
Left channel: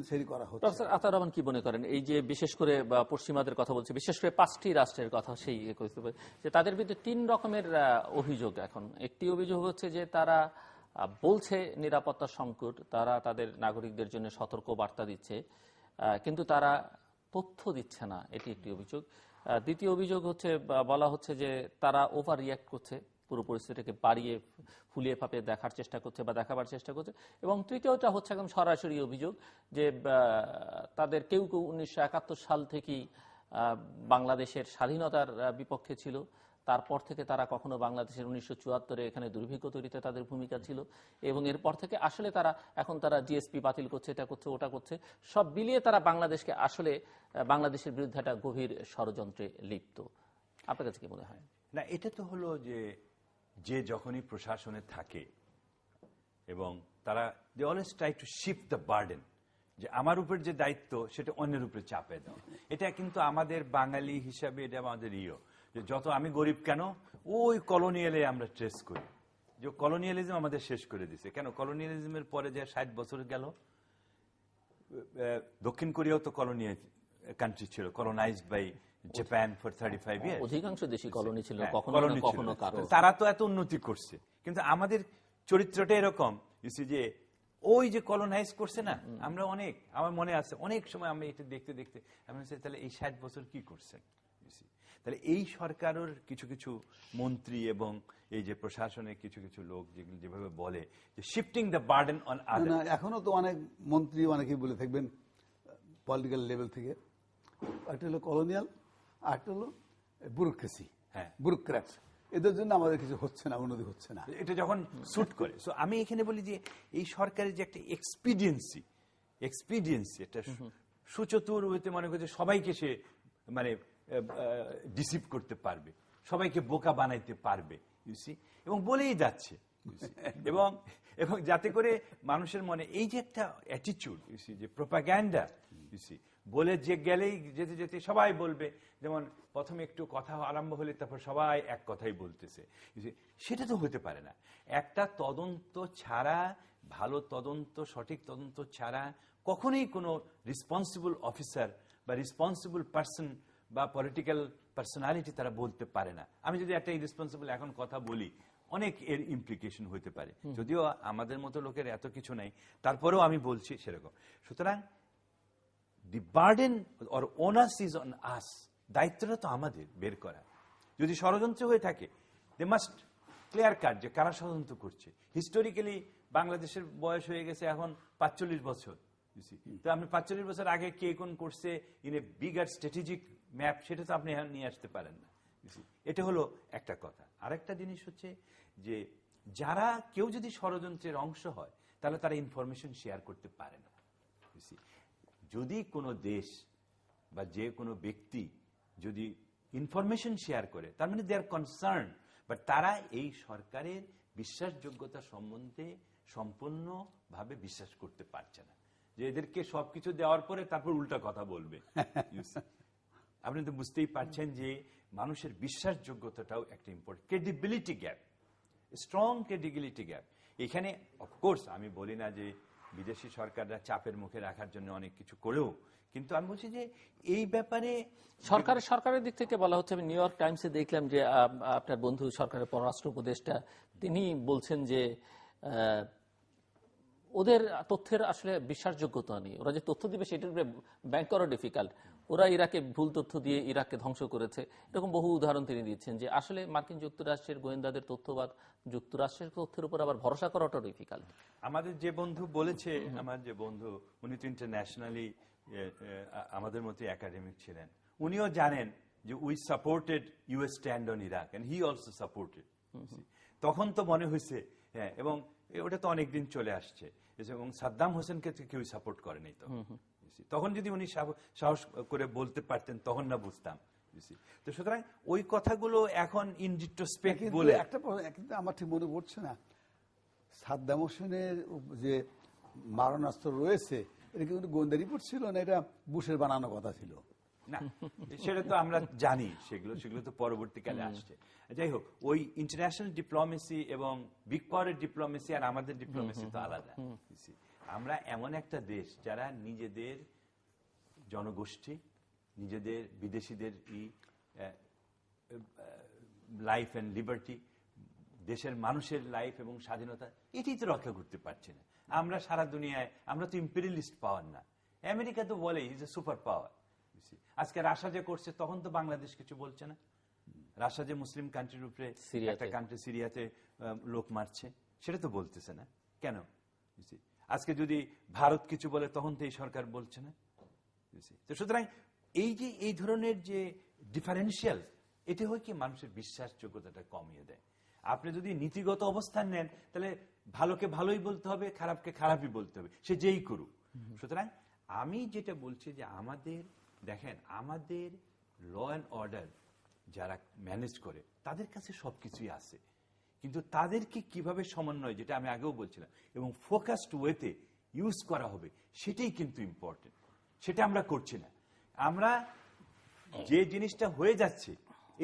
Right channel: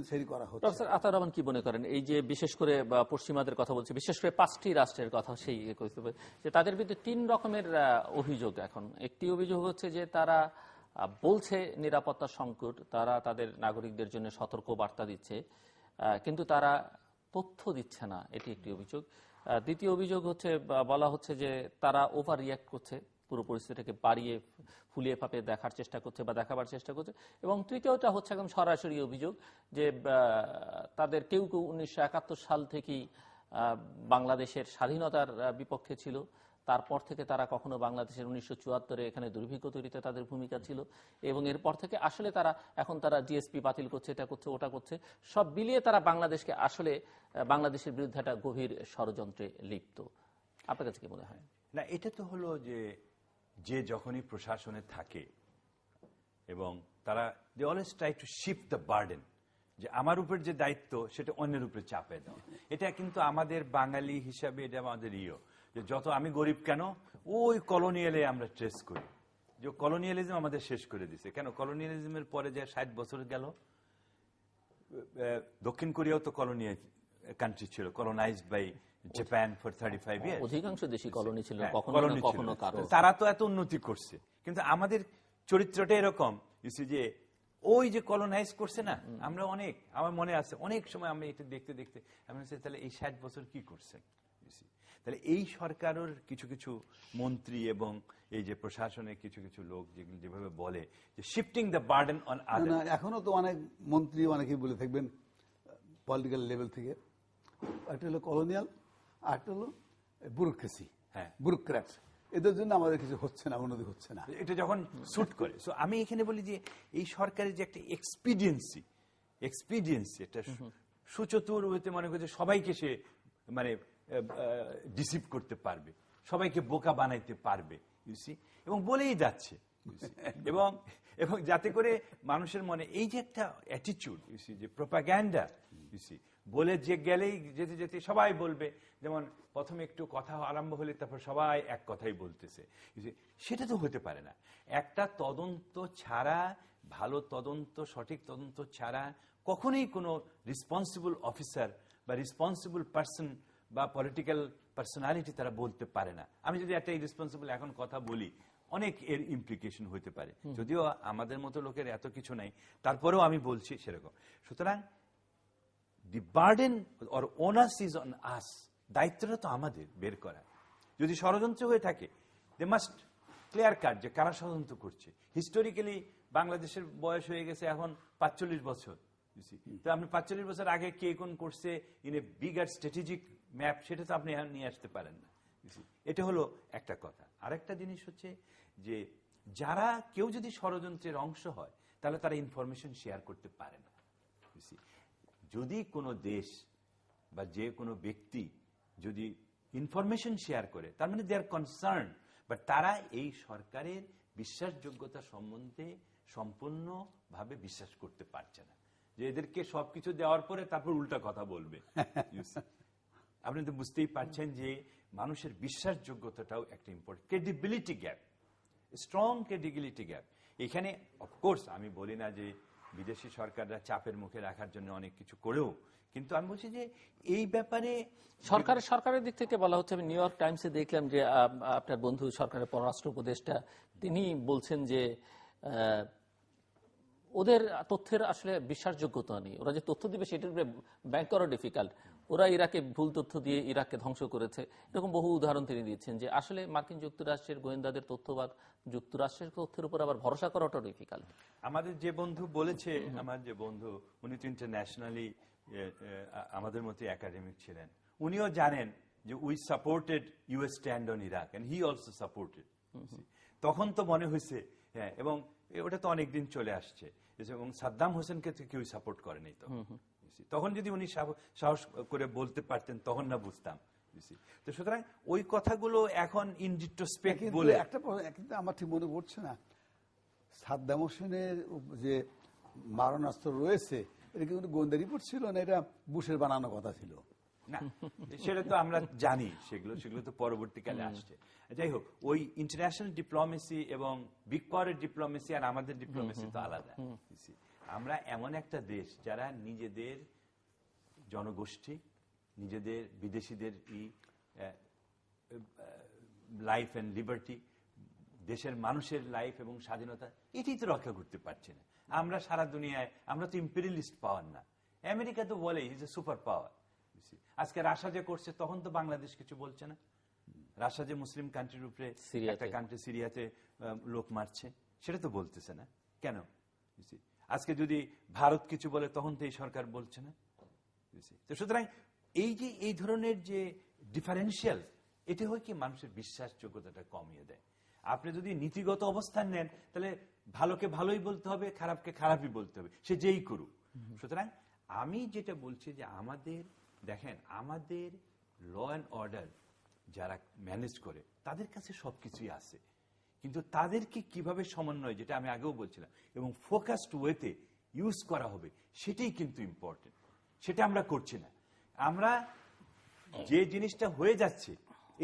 সেটি করা হচ্ছে। প্রফেসর আতাউর রহমান কি মনে করেন, এই যে বিশেষ করে পশ্চিমাদের কথা বলছে, বিশেষ করে 5টি রাষ্ট্রের কথা সেই যে তাদের বিরুদ্ধে 3 রকমের অভিযোগ এখন। একটি অভিযোগ হচ্ছে যে তারা বলছে নিরাপত্তা সংকট, তারা তাদের নাগরিকদের জন্য সতর্ক বার্তা দিচ্ছে, কিন্তু তারা তথ্য দিচ্ছে না, এটি একটি অভিযোগ। দ্বিতীয় অভিযোগ হচ্ছে বলা হচ্ছে যে তারা ওভার রিঅ্যাক্ট করছে, পুরো পরিস্থিতিকে বাড়িয়ে ফুলিয়ে ফাঁপিয়ে দেখার চেষ্টা করছে বা দেখাবার চেষ্টা করছে। এবং তৃতীয়টা হচ্ছে একদম সরাসরি অভিযোগ যে তাদের কেউ কেউ 1971 সাল থেকেই বাংলাদেশের স্বাধীনতার বিপক্ষে ছিল, তারপর থেকে তারা কখনো বাংলাদেশের 1974-এ এখানে দুর্ভিক্ষ তৈরিতে তাদের ভূমিকা ছিল, এবং এরপর থেকে আসলে তারা জিএসপি বাতিল করছে, এটা করছে, ওটা করছে, সব মিলিয়ে তারা বাংলাদেশকে আসলে বাংলাদেশের বিরুদ্ধে একটা গভীর ষড়যন্ত্রে লিপ্ত। আপনার কাছে কি মনে হয়? না, এটা তো হলো যে যখনই প্রশাসনে থাকে এবং তারা they always try to shift the burden, যে আমার উপর যে দায়িত্ব সেটা অন্যের উপরে চাপে দেওয়া। এটা কিন্তু আমাদের বাঙালি হিসাবে এটা আমাদের যে যত আমি গরিব কেন, ওই কলোনিয়ালে আমরা ট্রেস করি যে কলোনিয়ালিজম আমাদের শেষ করে দিছে। কেন কলোনিয়ালিজমের পরে যে 60 বছর গেল, দক্ষিণ কোরিয়াও তো কলোনিয়াল কান্ট্রি ছিল, colonized by Japan for 35 years. অধিকাংশ দেশই কলোনি ছিল, কখনো কারো। তারা তো এত উন্নতি করছে, কিন্তু আমাদের চরিত্রটা এরকম যে ওই যে কলোনাইজ করছে না, আমরা আমার মনে আছে অনেক সময় আমরা এটা দেখতে দেখতে আমি তাহলে এই 60 বছর কি করছে। তাহলে এই সরকারের কিছু কিছু মন্ত্রী এবং এই যে প্রশাসনের কিছু কিছু লোক যেভাবে বলে যে shifting the burden on others, এখনো তো অনেক মন্ত্রী অনেকেই বলে থাকবেন পলিটিক্যাল লেভেল থেকে, একটা হলো কলোনিয়াল আর একটা হলো ব্যুরোক্রেসি, ব্যুরোক্র্যাট, এদের জন্য আমাদের কিছু হচ্ছে না, উন্নতি হচ্ছে না। এটা যখন শুট করে, আমি এখানে বলি যে এই সরকারের যে একটা এক্সপিডিয়েন্সি একটা সুচতুর হইতে মনে করছে সবাইকে সে মানে ডিসিভ করতে পারবে, সবাইকে বোকা বানাইতে পারবে, এবং বলেই যাচ্ছে, এবং যাতে করে মানুষের মনে এই যে একটা অ্যাটিটিউড, যে প্রোপাগ্যান্ডা, বলে যে গেলেই যেতে যেতে সবাই বলবে, যেমন প্রথমে একটু কথা আরম্ভ হলে তারপর সবাই এক কথাই বলতেছে। সেটা তো হতে পারে না। একটা তদন্ত ছাড়া, ভালো তদন্ত, সঠিক তদন্ত ছাড়া কখনোই কোনো রেসপন্সিবল অফিসার বা রেসপন্সিবল পার্সন বা পলিটিক্যাল পার্সোনালিটি তারা বলতে পারে না। আমি যদি একটা ইরেসপন্সিবল এখন কথা বলি, অনেক এর ইমপ্লিকেশন হতে পারে, যদিও আমাদের মতো লোকের এত কিছু নাই, তারপরেও আমি বলছি সেরকম। সুতরাং the burden or onus is on us, দায়িত্বটা তো আমাদের বের করা। যদি ষড়যন্ত্র হয়ে থাকে, দে মাস্ট ক্লিয়ার কাট যে কারা ষড়যন্ত্র করছে। হিস্টোরিক্যালি বাংলাদেশের বয়স হয়ে গেছে এখন 45 বছর। তো আপনি 45 বছর আগে কে কোন করছে in a bigger strategic map, সেটা তো আপনি নিয়ে আসতে পারেন না। এটা হলো একটা কথা। আরেকটা জিনিস হচ্ছে যে যারা কেউ যদি ষড়যন্ত্রের অংশ হয়, তাহলে তারা ইনফরমেশন শেয়ার করতে পারে না। যদি কোনো দেশ বা যে কোনো ব্যক্তি যদি ইনফরমেশন শেয়ার করে, তার মানে দে আর কনসার্ন, বাট তারা এই সরকারের বিশ্বাসযোগ্যতা সম্বন্ধে সম্পূর্ণভাবে বিশ্বাস করতে পারছে না, যে এদেরকে সবকিছু দেওয়ার পরে তারপর উল্টা কথা বলবে। আপনি তো বুঝতেই পারছেন যে মানুষের বিশ্বাসযোগ্যতাটাও একটা important, credibility gap, strong credibility gap. এখানে অফকোর্স আমি বলি না যে বিদেশি সরকাররা চাপের মুখে রাখার জন্য অনেক কিছু করেও, কিন্তু আমি বলছি যে এই ব্যাপারে সরকারের দিক থেকে বলা হচ্ছে, আমি নিউ ইয়র্ক টাইমসে দেখলাম যে আপনার বন্ধু সরকারের পররাষ্ট্র উপদেষ্টা তিনি বলছেন যে ওদের তথ্যের আসলে বিশ্বাসযোগ্যতা নেই, ওরা যে তথ্য দিবে সেটার উপরে ব্যাংক করা ডিফিকাল্ট, ওরা ইরাকে ভুল তথ্য দিয়ে ইরাককে ধ্বংস করেছে, এরকম বহু উদাহরণ তিনি দিচ্ছেন যে আসলে মার্কিন যুক্তরাষ্ট্রের গোয়েন্দাদের তথ্য বা যুক্তরাষ্ট্রের তথ্যের উপর আবার ভরসা করাটা ডিফিকাল্ট। আমাদের যে বন্ধু বলেছে, আমার যে বন্ধু উনি তো ইন্টারন্যাশনালি আমাদের মতো একাডেমিক ছিলেন, উনিও জানেন যে we supported US stand on Iraq and he also supported. তখন তো মনে হয়েছে হ্যাঁ, এবং ওটা তো অনেকদিন চলে আসছে, এবং সাদ্দাম হোসেনকে কেউ সাপোর্ট করেনি তখন যদি উনি সাহস করে বলতে পারতেন তখন না বুঝতাম। তো সুতরাং ওই কথাগুলো এখন ইন রিট্রোস্পেক্ট বলে একটা আমার ঠিক মনে পড়ছে না, সাদ্দাম হোসেনের যে মারণাস্ত্র রয়েছে এটা কিন্তু গোয়েন্দা রিপোর্ট ছিল না, এটা বুশের বানানো কথা ছিল না, সেটা তো আমরা জানি, সেগুলো তো পরবর্তীকালে আসছে। যাই হোক, ওই ইন্টারন্যাশনাল ডিপ্লোমেসি এবং বিগ পাওয়ারের ডিপ্লোমেসি আর আমাদের ডিপ্লোমেসি তো আলাদা। আমরা এমন একটা দেশ যারা নিজেদের জনগোষ্ঠী, নিজেদের বিদেশিদের লাইফ এন্ড লিবার্টি, দেশের মানুষের লাইফ এবং স্বাধীনতা, এটাই তো রক্ষা করতে পারছে না। আমরা সারা দুনিয়ায়, আমরা তো ইম্পেরিয়ালিস্ট পাওয়ার না। আমেরিকা তো বলে ইজ এ সুপার পাওয়ার। আজকে রাশিয়া যে করছে, তখন তো বাংলাদেশ কিছু বলছে না। রাশিয়া যে মুসলিম কান্ট্রির উপরে একটা কান্ট্রি সিরিয়াতে লোক মারছে, সেটা তো বলতেছে না কেন? আজকে যদি ভারত কিছু বলে, তখন তো এই সরকার বলছে না। তো সুতরাং এই যে এই ধরনের যে ডিফারেন্সিয়াল, এটা হয় কি মানুষের বিশ্বাসযোগ্যতাটা কমিয়ে দেয়। আপনি যদি নীতিগত অবস্থান নেন, তাহলে ভালোকে ভালোই বলতে হবে, খারাপকে খারাপই বলতে হবে, সে যেই করুক। সুতরাং আমি যেটা বলছি যে আমাদের দেখেন, আমাদের ল অ্যান্ড অর্ডার যারা ম্যানেজ করে তাদের কাছে সবকিছুই আছে, কিন্তু তাদেরকে কিভাবে সমন্বয়, যেটা আমি আগেও বলছিলাম, এবং ফোকাসড ওয়েতে ইউজ করা হবে, সেটাই কিন্তু ইম্পর্টেন্ট। সেটা আমরা করছি না। আমরা যে জিনিসটা হয়ে যাচ্ছে,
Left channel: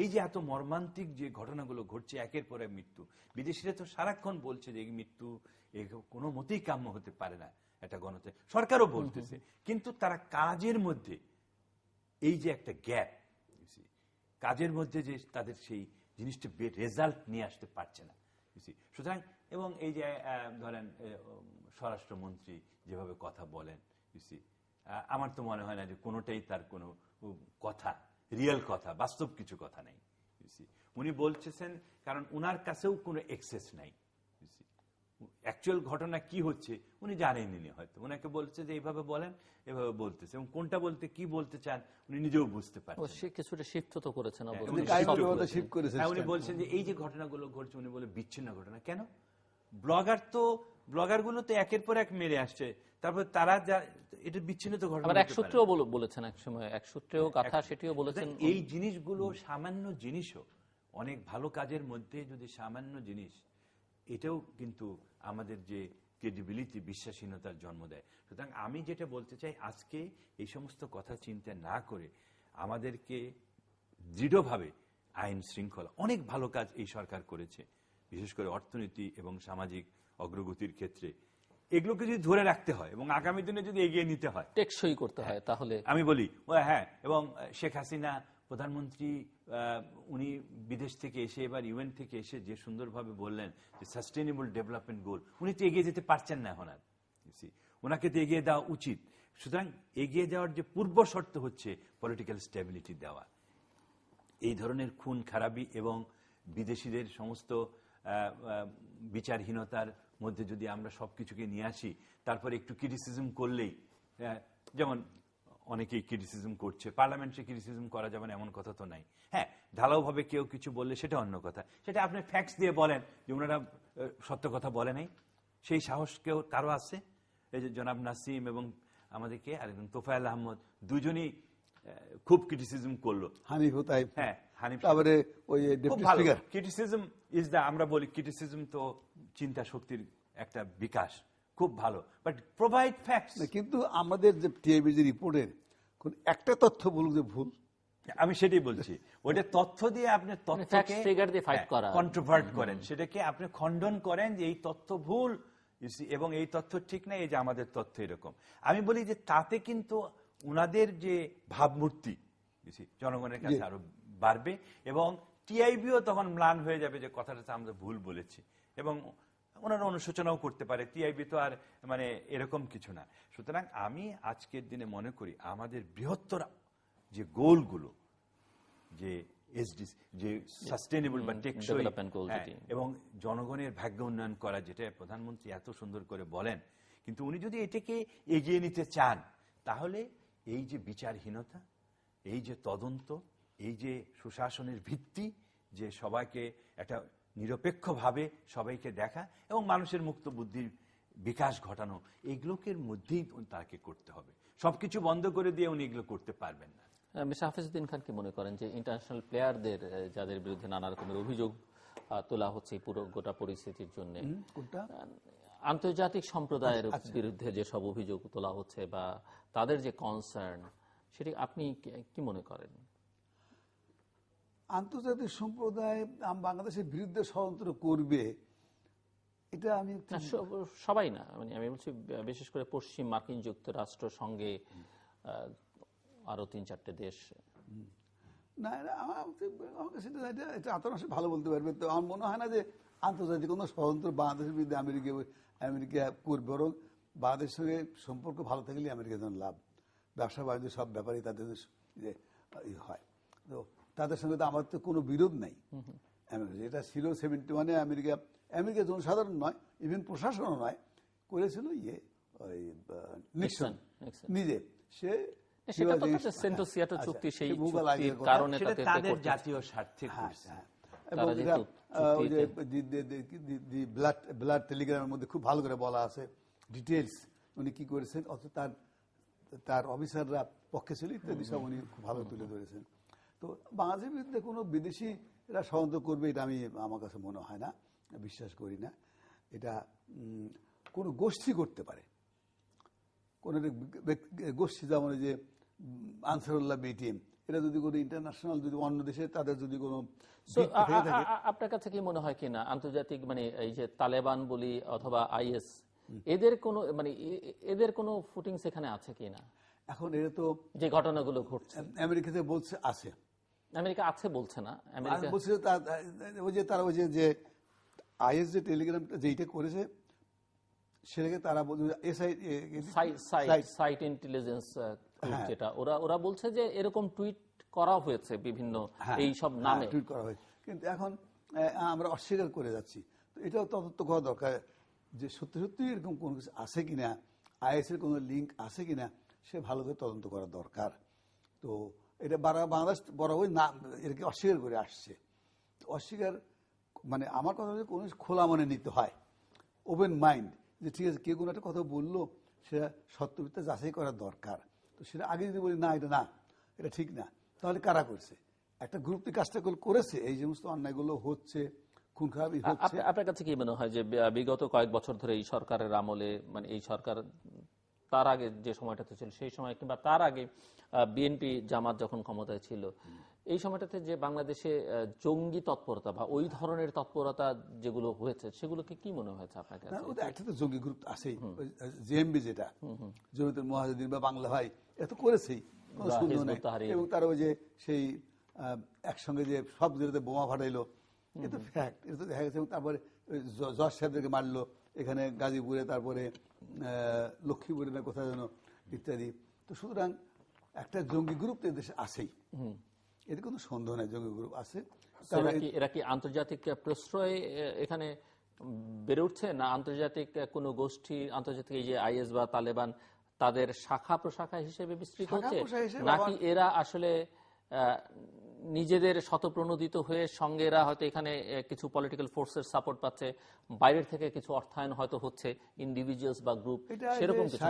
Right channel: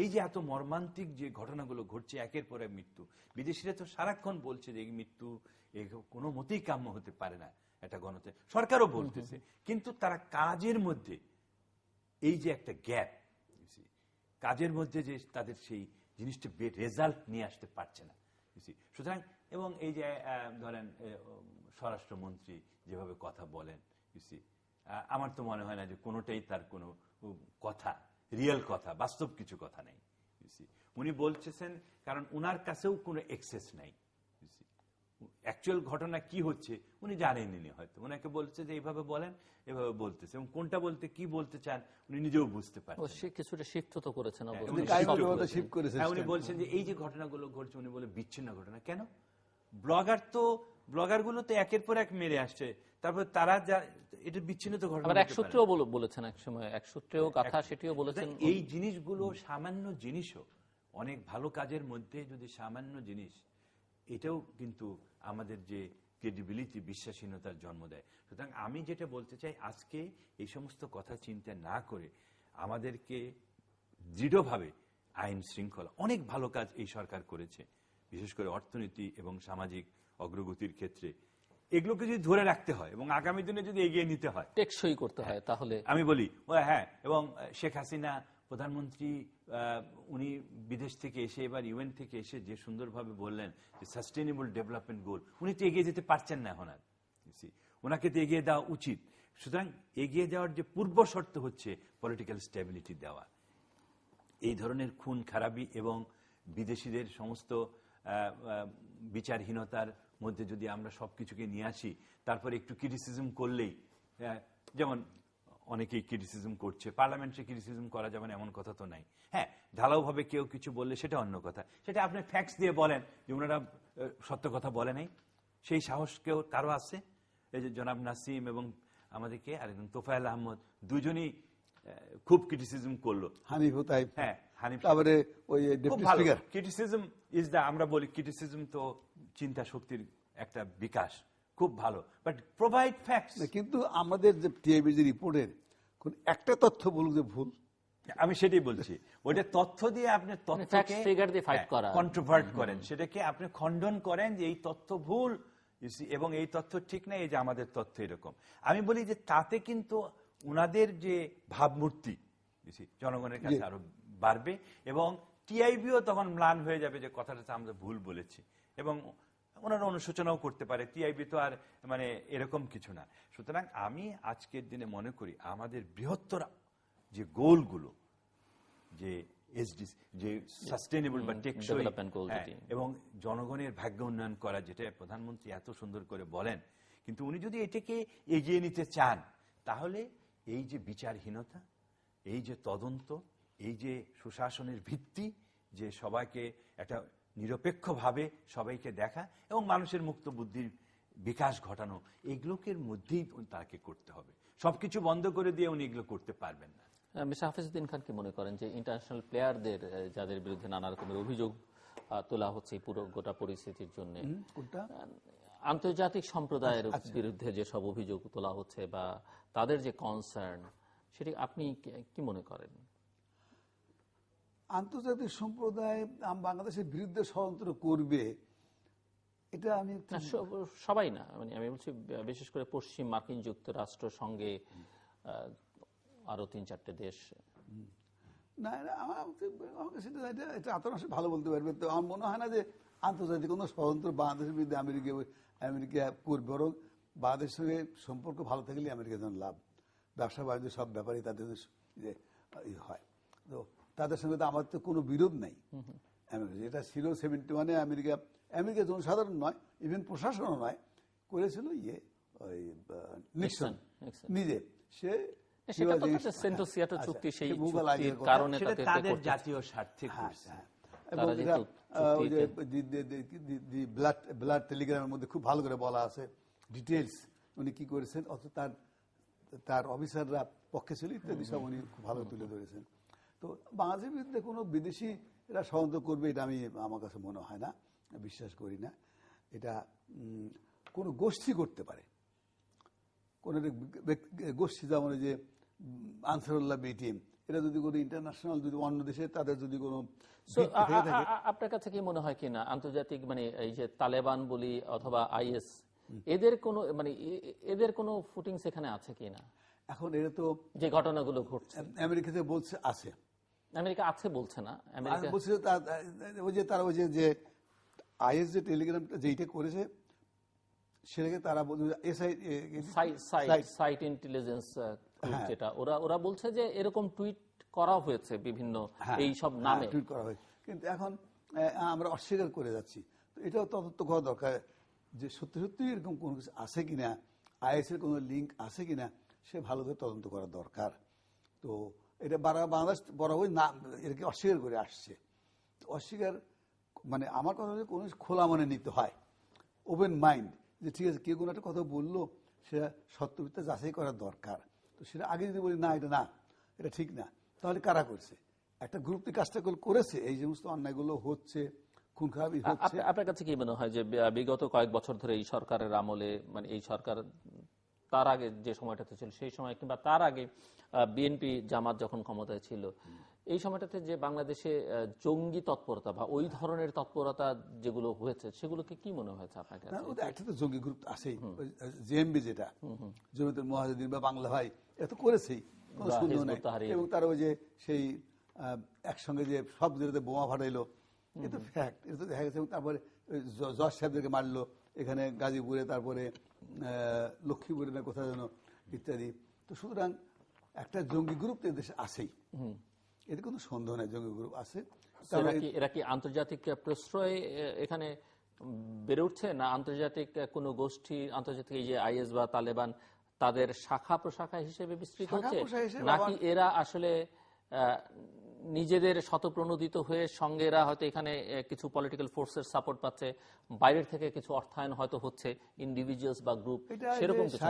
এই যে এত মর্মান্তিক যে ঘটনাগুলো ঘটছে, একের পর এক মৃত্যু, বিদেশিরা তো সারাক্ষণ বলছে যে এই মৃত্যু কোনো মতেই কাম্য হতে পারে না একটা গণতন্ত্রে, সরকারও বলতেছে, কিন্তু তারা কাজের মধ্যে এই যে একটা গ্যাপ, কাজের মধ্যে যে তাদের সেই জিনিসটা রেজাল্ট নিয়ে আসতে পারছে না। সুতরাং এবং এই যে ধরেন স্বরাষ্ট্রমন্ত্রী যেভাবে কথা বলেন, আমার তো মনে হয় না যে কোনোটাই তার কোনো কথা, রিয়েল কথা, বাস্তব কিছু কথা নাই। উনি বলতেছেন কারণ উনার কাছেও কোনো এক্সেস নাই। অ্যাকচুয়াল ঘটনা কি হচ্ছে উনি জানেননি, হয়তো উনাকে বলছে যে এইভাবে বলেন, এভাবে বলতেছে, এবং কোনটা বলতে কি বলতে চান উনি নিজেও বুঝতে পারছেন। সে কিছুটা শিফট তো করেছেন, উনি বলছেন যে এই যে ঘটনাগুলো ঘটছে, উনি বলে বিচ্ছিন্ন ঘটনা। কেন? ব্লগারগুলো তো একের পর এক মেরে আসছে, তারপর তারা এটা বিচ্ছিন্ন তো ঘটনা। এক সূত্রেও বলেছেন, এক সময় এক সূত্রেও কথা সেটিও বলেছেন। এই জিনিসগুলো সামান্য জিনিসও, অনেক ভালো কাজের মধ্যে যদি সামান্য জিনিস, এটাও কিন্তু আমাদের যে ক্রেডিবিলিটি, বিশ্বাসহীনতার জন্ম দেয়। সুতরাং আমি যেটা বলতে চাই, আজকে এই সমস্ত কথা চিন্তা না করে আমাদেরকে দৃঢ়ভাবে আইন শৃঙ্খলা, অনেক ভালো কাজ এই সরকার করেছে, বিশেষ করে অর্থনীতি এবং সামাজিক অগ্রগতির ক্ষেত্রে। এগুলোকে যদি ধরে রাখতে হয় এবং আগামী দিনে যদি এগিয়ে নিতে হয়, টেকসই করতে হয়, তাহলে আমি বলি হ্যাঁ। এবং শেখ হাসিনা প্রধানমন্ত্রী, উনি বিদেশ থেকে এসে, এবার ইউএন থেকে এসে যে সুন্দরভাবে বললেন যে সাস্টেনেবল ডেভেলপমেন্ট গোল, উনি তো এগিয়ে যেতে পারছেন না এখন আর, ওনাকে তো এগিয়ে দেওয়া উচিত। সুতরাং এগিয়ে যাওয়ার যে পূর্ব শর্ত হচ্ছে পলিটিক্যাল স্টেবিলিটি দেওয়া। এই ধরনের খুন খারাপি এবং বিদেশিদের সমস্ত বিচারহীনতার মধ্যে যদি আমরা সবকিছুকে নিয়ে আসি, তারপরে একটু ক্রিটিসিজম করলেই, যেমন অনেকেই ক্রিটিসিজম করছে, পার্লামেন্টে ক্রিটিসিজম করা যাবে না এমন কথা তো নাই। হ্যাঁ, ঢালাওভাবে কেউ কিছু বললে সেটা অন্য কথা, সেটা আপনি ফ্যাক্টস দিয়ে বলেন যে ওনারা সত্য কথা বলে নাই, সেই সাহস কেউ কারো আছে? এই যে জনাব নাসিম এবং আমাদেরকে আরেকজন তোফায়েল আহমদ, দুজনই খুব ক্রিটিসিজম করলো। হানিফ তাই, হ্যাঁ, হানিফ, তারপরে ওই deputy speaker. Criticism is the, আমরা বলি ক্রিটিসিজম তো চিন্তা শক্তির একটা বিকাশ, খুব ভালো, বাট প্রোভাইড ফ্যাক্টস। কিন্তু আমাদের যে টিআইবি যে রিপোর্টের কোন একটা তথ্য বলুক যে ভুল, আমি সেটাই বলছি, ওইটা তথ্য দিয়ে আপনি তথ্যকে কন্ট্রোভার্ট করেন, সেটাকে আপনি খণ্ডন করেন যে এই তথ্য ভুল এবং এই তথ্য ঠিক না, এই যে আমাদের তথ্য এরকম। আমি বলি যে তাতে কিন্তু উনাদের যে ভাবমূর্তি জনগণের কাছে আরো বাড়বে এবং টিআইবিও তখন ম্লান হয়ে যাবে যে কথাটা আমরা ভুল বলেছি, এবং ওনারা অনুশোচনাও করতে পারে। টিআইবি তো আর মানে এরকম কিছু না। সুতরাং আমি আজকের দিনে মনে করি আমাদের বৃহত্তর যে গোলগুলো, যে এসডিজি, যে সাস্টেনেবল বা টেকসই এবং জনগণের ভাগ্য উন্নয়ন করা, যেটা প্রধানমন্ত্রী এত সুন্দর করে বলেন, কিন্তু উনি যদি এটাকে এগিয়ে নিতে চান, তাহলে এই যে বিচারহীনতা, এই যে তদন্ত, এই যে সুশাসনের ভিত্তি, যে সবাইকে একটা নিরপেক্ষভাবে সবাইকে দেখা এবং মানুষের মুক্ত বুদ্ধির বিকাশ ঘটানো, এগুলোকে মধ্যেই তাকে করতে হবে। সবকিছু বন্ধ করে দিয়ে উনি এগুলো করতে পারবেন না। মিস্টার হাফিজউদ্দিন খান কি মনে করেন যে ইন্টারন্যাশনাল প্লেয়ারদের, যাদের বিরুদ্ধে নানা রকমের অভিযোগ তোলা হচ্ছে পুরো গোটা পরিস্থিতির জন্য, আন্তর্জাতিক সম্প্রদায়ের বিরুদ্ধে যে সব অভিযোগ তোলা হচ্ছে বা তাদের যে কনসার্ন, সেটি আপনি কি মনে করেন? আন্তর্জাতিক সম্প্রদায় বাংলাদেশের বিরুদ্ধে ষড়যন্ত্র করবে, এটা আমি সবাই না, মানে আমি বলছি বিশেষ করে পশ্চিম মার্কিন যুক্তরাষ্ট্র সঙ্গে আরো ৩-৪টে দেশ। না, আমার কাছে এটা আপনারা ভালো বলতে পারবেন। তো আমার মনে হয় না যে আন্তর্জাতিক কোনো ষড়যন্ত্র বাংলাদেশের বিরুদ্ধে আমেরিকা করবে, বরং বাংলাদেশের সঙ্গে সম্পর্ক ভালো থাকলে আমেরিকার জন্য লাভ। ব্যবসা বাণিজ্য সব ব্যাপারেই তাদের যে হয়, তো তাদের সঙ্গে তো আমার তো কোনো বিরোধ নাই। এটা ছিল 71-এ আমেরিকা জনসাধারণ নয়, ইভেন প্রশাসনও নয়, করেছিল ওই নিক্সন নিজে। সে জাতীয় স্বার্থে ব্লাড টেলিগ্রামের মধ্যে খুব ভালো করে বলা আছে ডিটেলস উনি কি করেছেন, অথচ তার অফিসাররা পক্ষে ছিল ইত্যাদি সব উনি খুব ভালো তুলে ধরেছেন। তো বাংলাদেশের বিরুদ্ধে কোনো বিদেশিরা ষড়যন্ত্র করবে এটা আমার কাছে মনে হয় না, বিশ্বাস করি না। এটা কোন গোষ্ঠী করতে পারে, কোন গোষ্ঠী, যেমন যে আনসারুল্লাহ বিটিএম, এটা যদি কোনো ইন্টারন্যাশনাল, যদি অন্য দেশে তাদের যদি কোনো, আপনার কাছে কি মনে হয় কিনা আন্তর্জাতিক মানে এই যে তালেবান বলি অথবা আইএস, এদের কোনো ফুটিংস এখানে আছে কিনা? এখন এটা তো যে ঘটনাগুলো ঘটছে আমেরিকাতে বলছে আছে, আমেরিকা আছে বলছে না, আমেরিকা বলছে তারা ওই যে আইএস যে টেলিগ্রামটা যেটা করেছে সেটাকে তারা বলছে সাইট ইন্টেলিজেন্স, যেটা ওরা বলছে যে এরকম টুইট করা হয়েছে বিভিন্ন এই সব নামে টুইট করা হয়েছে, কিন্তু এখন আমরা অস্বীকার করে যাচ্ছি। তো এটাও তদন্ত করা দরকার যে সত্যি সত্যি এরকম কোনো কিছু আছে কিনা, আইএস এর কোনো লিঙ্ক আছে কিনা, সে ভালো করে তদন্ত করা দরকার। তো এটা বাংলাদেশ বরাবরই না এটাকে অস্বীকার করে আসছে। অস্বীকার মানে আমার কথা হচ্ছে কোনো খোলা মনে নিতে হয়, ওপেন মাইন্ড, যে ঠিক আছে কেউ কোনো একটা কথা বললো সেটা সত্যমিথ্যা যাচাই করার দরকার। তো সেটা আগে যদি বলি না এটা ঠিক না, তাহলে কারা করছে? একটা গ্রুপ কাজটা করেছে, এই সমস্ত অন্যায়গুলো হচ্ছে, খুন খারাপি হচ্ছে। আপনার কাছে কি মনে হয় যে বিগত কয়েক বছর ধরে এই সরকারের আমলে, মানে এই সরকার তার আগে যে সময়টাতে ছিল সেই সময় কিংবা তার আগে বিএনপি জামাত যখন ক্ষমতায় ছিল, এই সময়টাতে যে বাংলাদেশে জঙ্গি তৎপরতা বা ওই ধরনের তৎপরতা যেগুলো হয়েছে সেগুলোকে কি মনে হয়েছে আপনার কাছে? একটা তো জঙ্গি গ্রুপ আছেই, জেএমবি যেটা জমিয়তুল মুজাহিদিন বা বাংলা ভাই, এটা তো করেছেই, কোনো সন্দেহ নেই। এবং তার ওই যে সেই একসঙ্গে যে সব জেলাতে বোমা ফাটাইলো, এটা ফ্যাক্ট, এটা তো দেখা গেছে। এবং তারপরে জজ সাহেবদেরকে মারলো এখানে গাজীপুরে, তারপরে লক্ষ্মীপুরে না কোথায় যেন, ইত্যাদি। তো সুতরাং একটা জঙ্গি গ্রুপ তো দেশে আছেই, এতে কোনো সন্দেহ নেই, জঙ্গি গ্রুপ আছে। এরা কি আন্তর্জাতিক প্রশ্রয় এখানে বেড়ে উঠছে, না আন্তর্জাতিক কোনো গোষ্ঠী, আন্তর্জাতিক এই যে আইএস বা তালেবান, তাদের শাখা প্রশাখা হিসেবে বিস্তৃত হচ্ছে, নাকি এরা আসলে নিজেদের শতপ্রণোদিত হয়ে সঙ্গে এরা হয়তো এখানে কিছু পলিটিক্যাল ফোর্সের সাপোর্ট পাচ্ছে, বাইরের থেকে কিছু অর্থায়ন হয়তো হচ্ছে, ইন্ডিভিজুয়ালস বা গ্রুপ, সেরকম কিছু?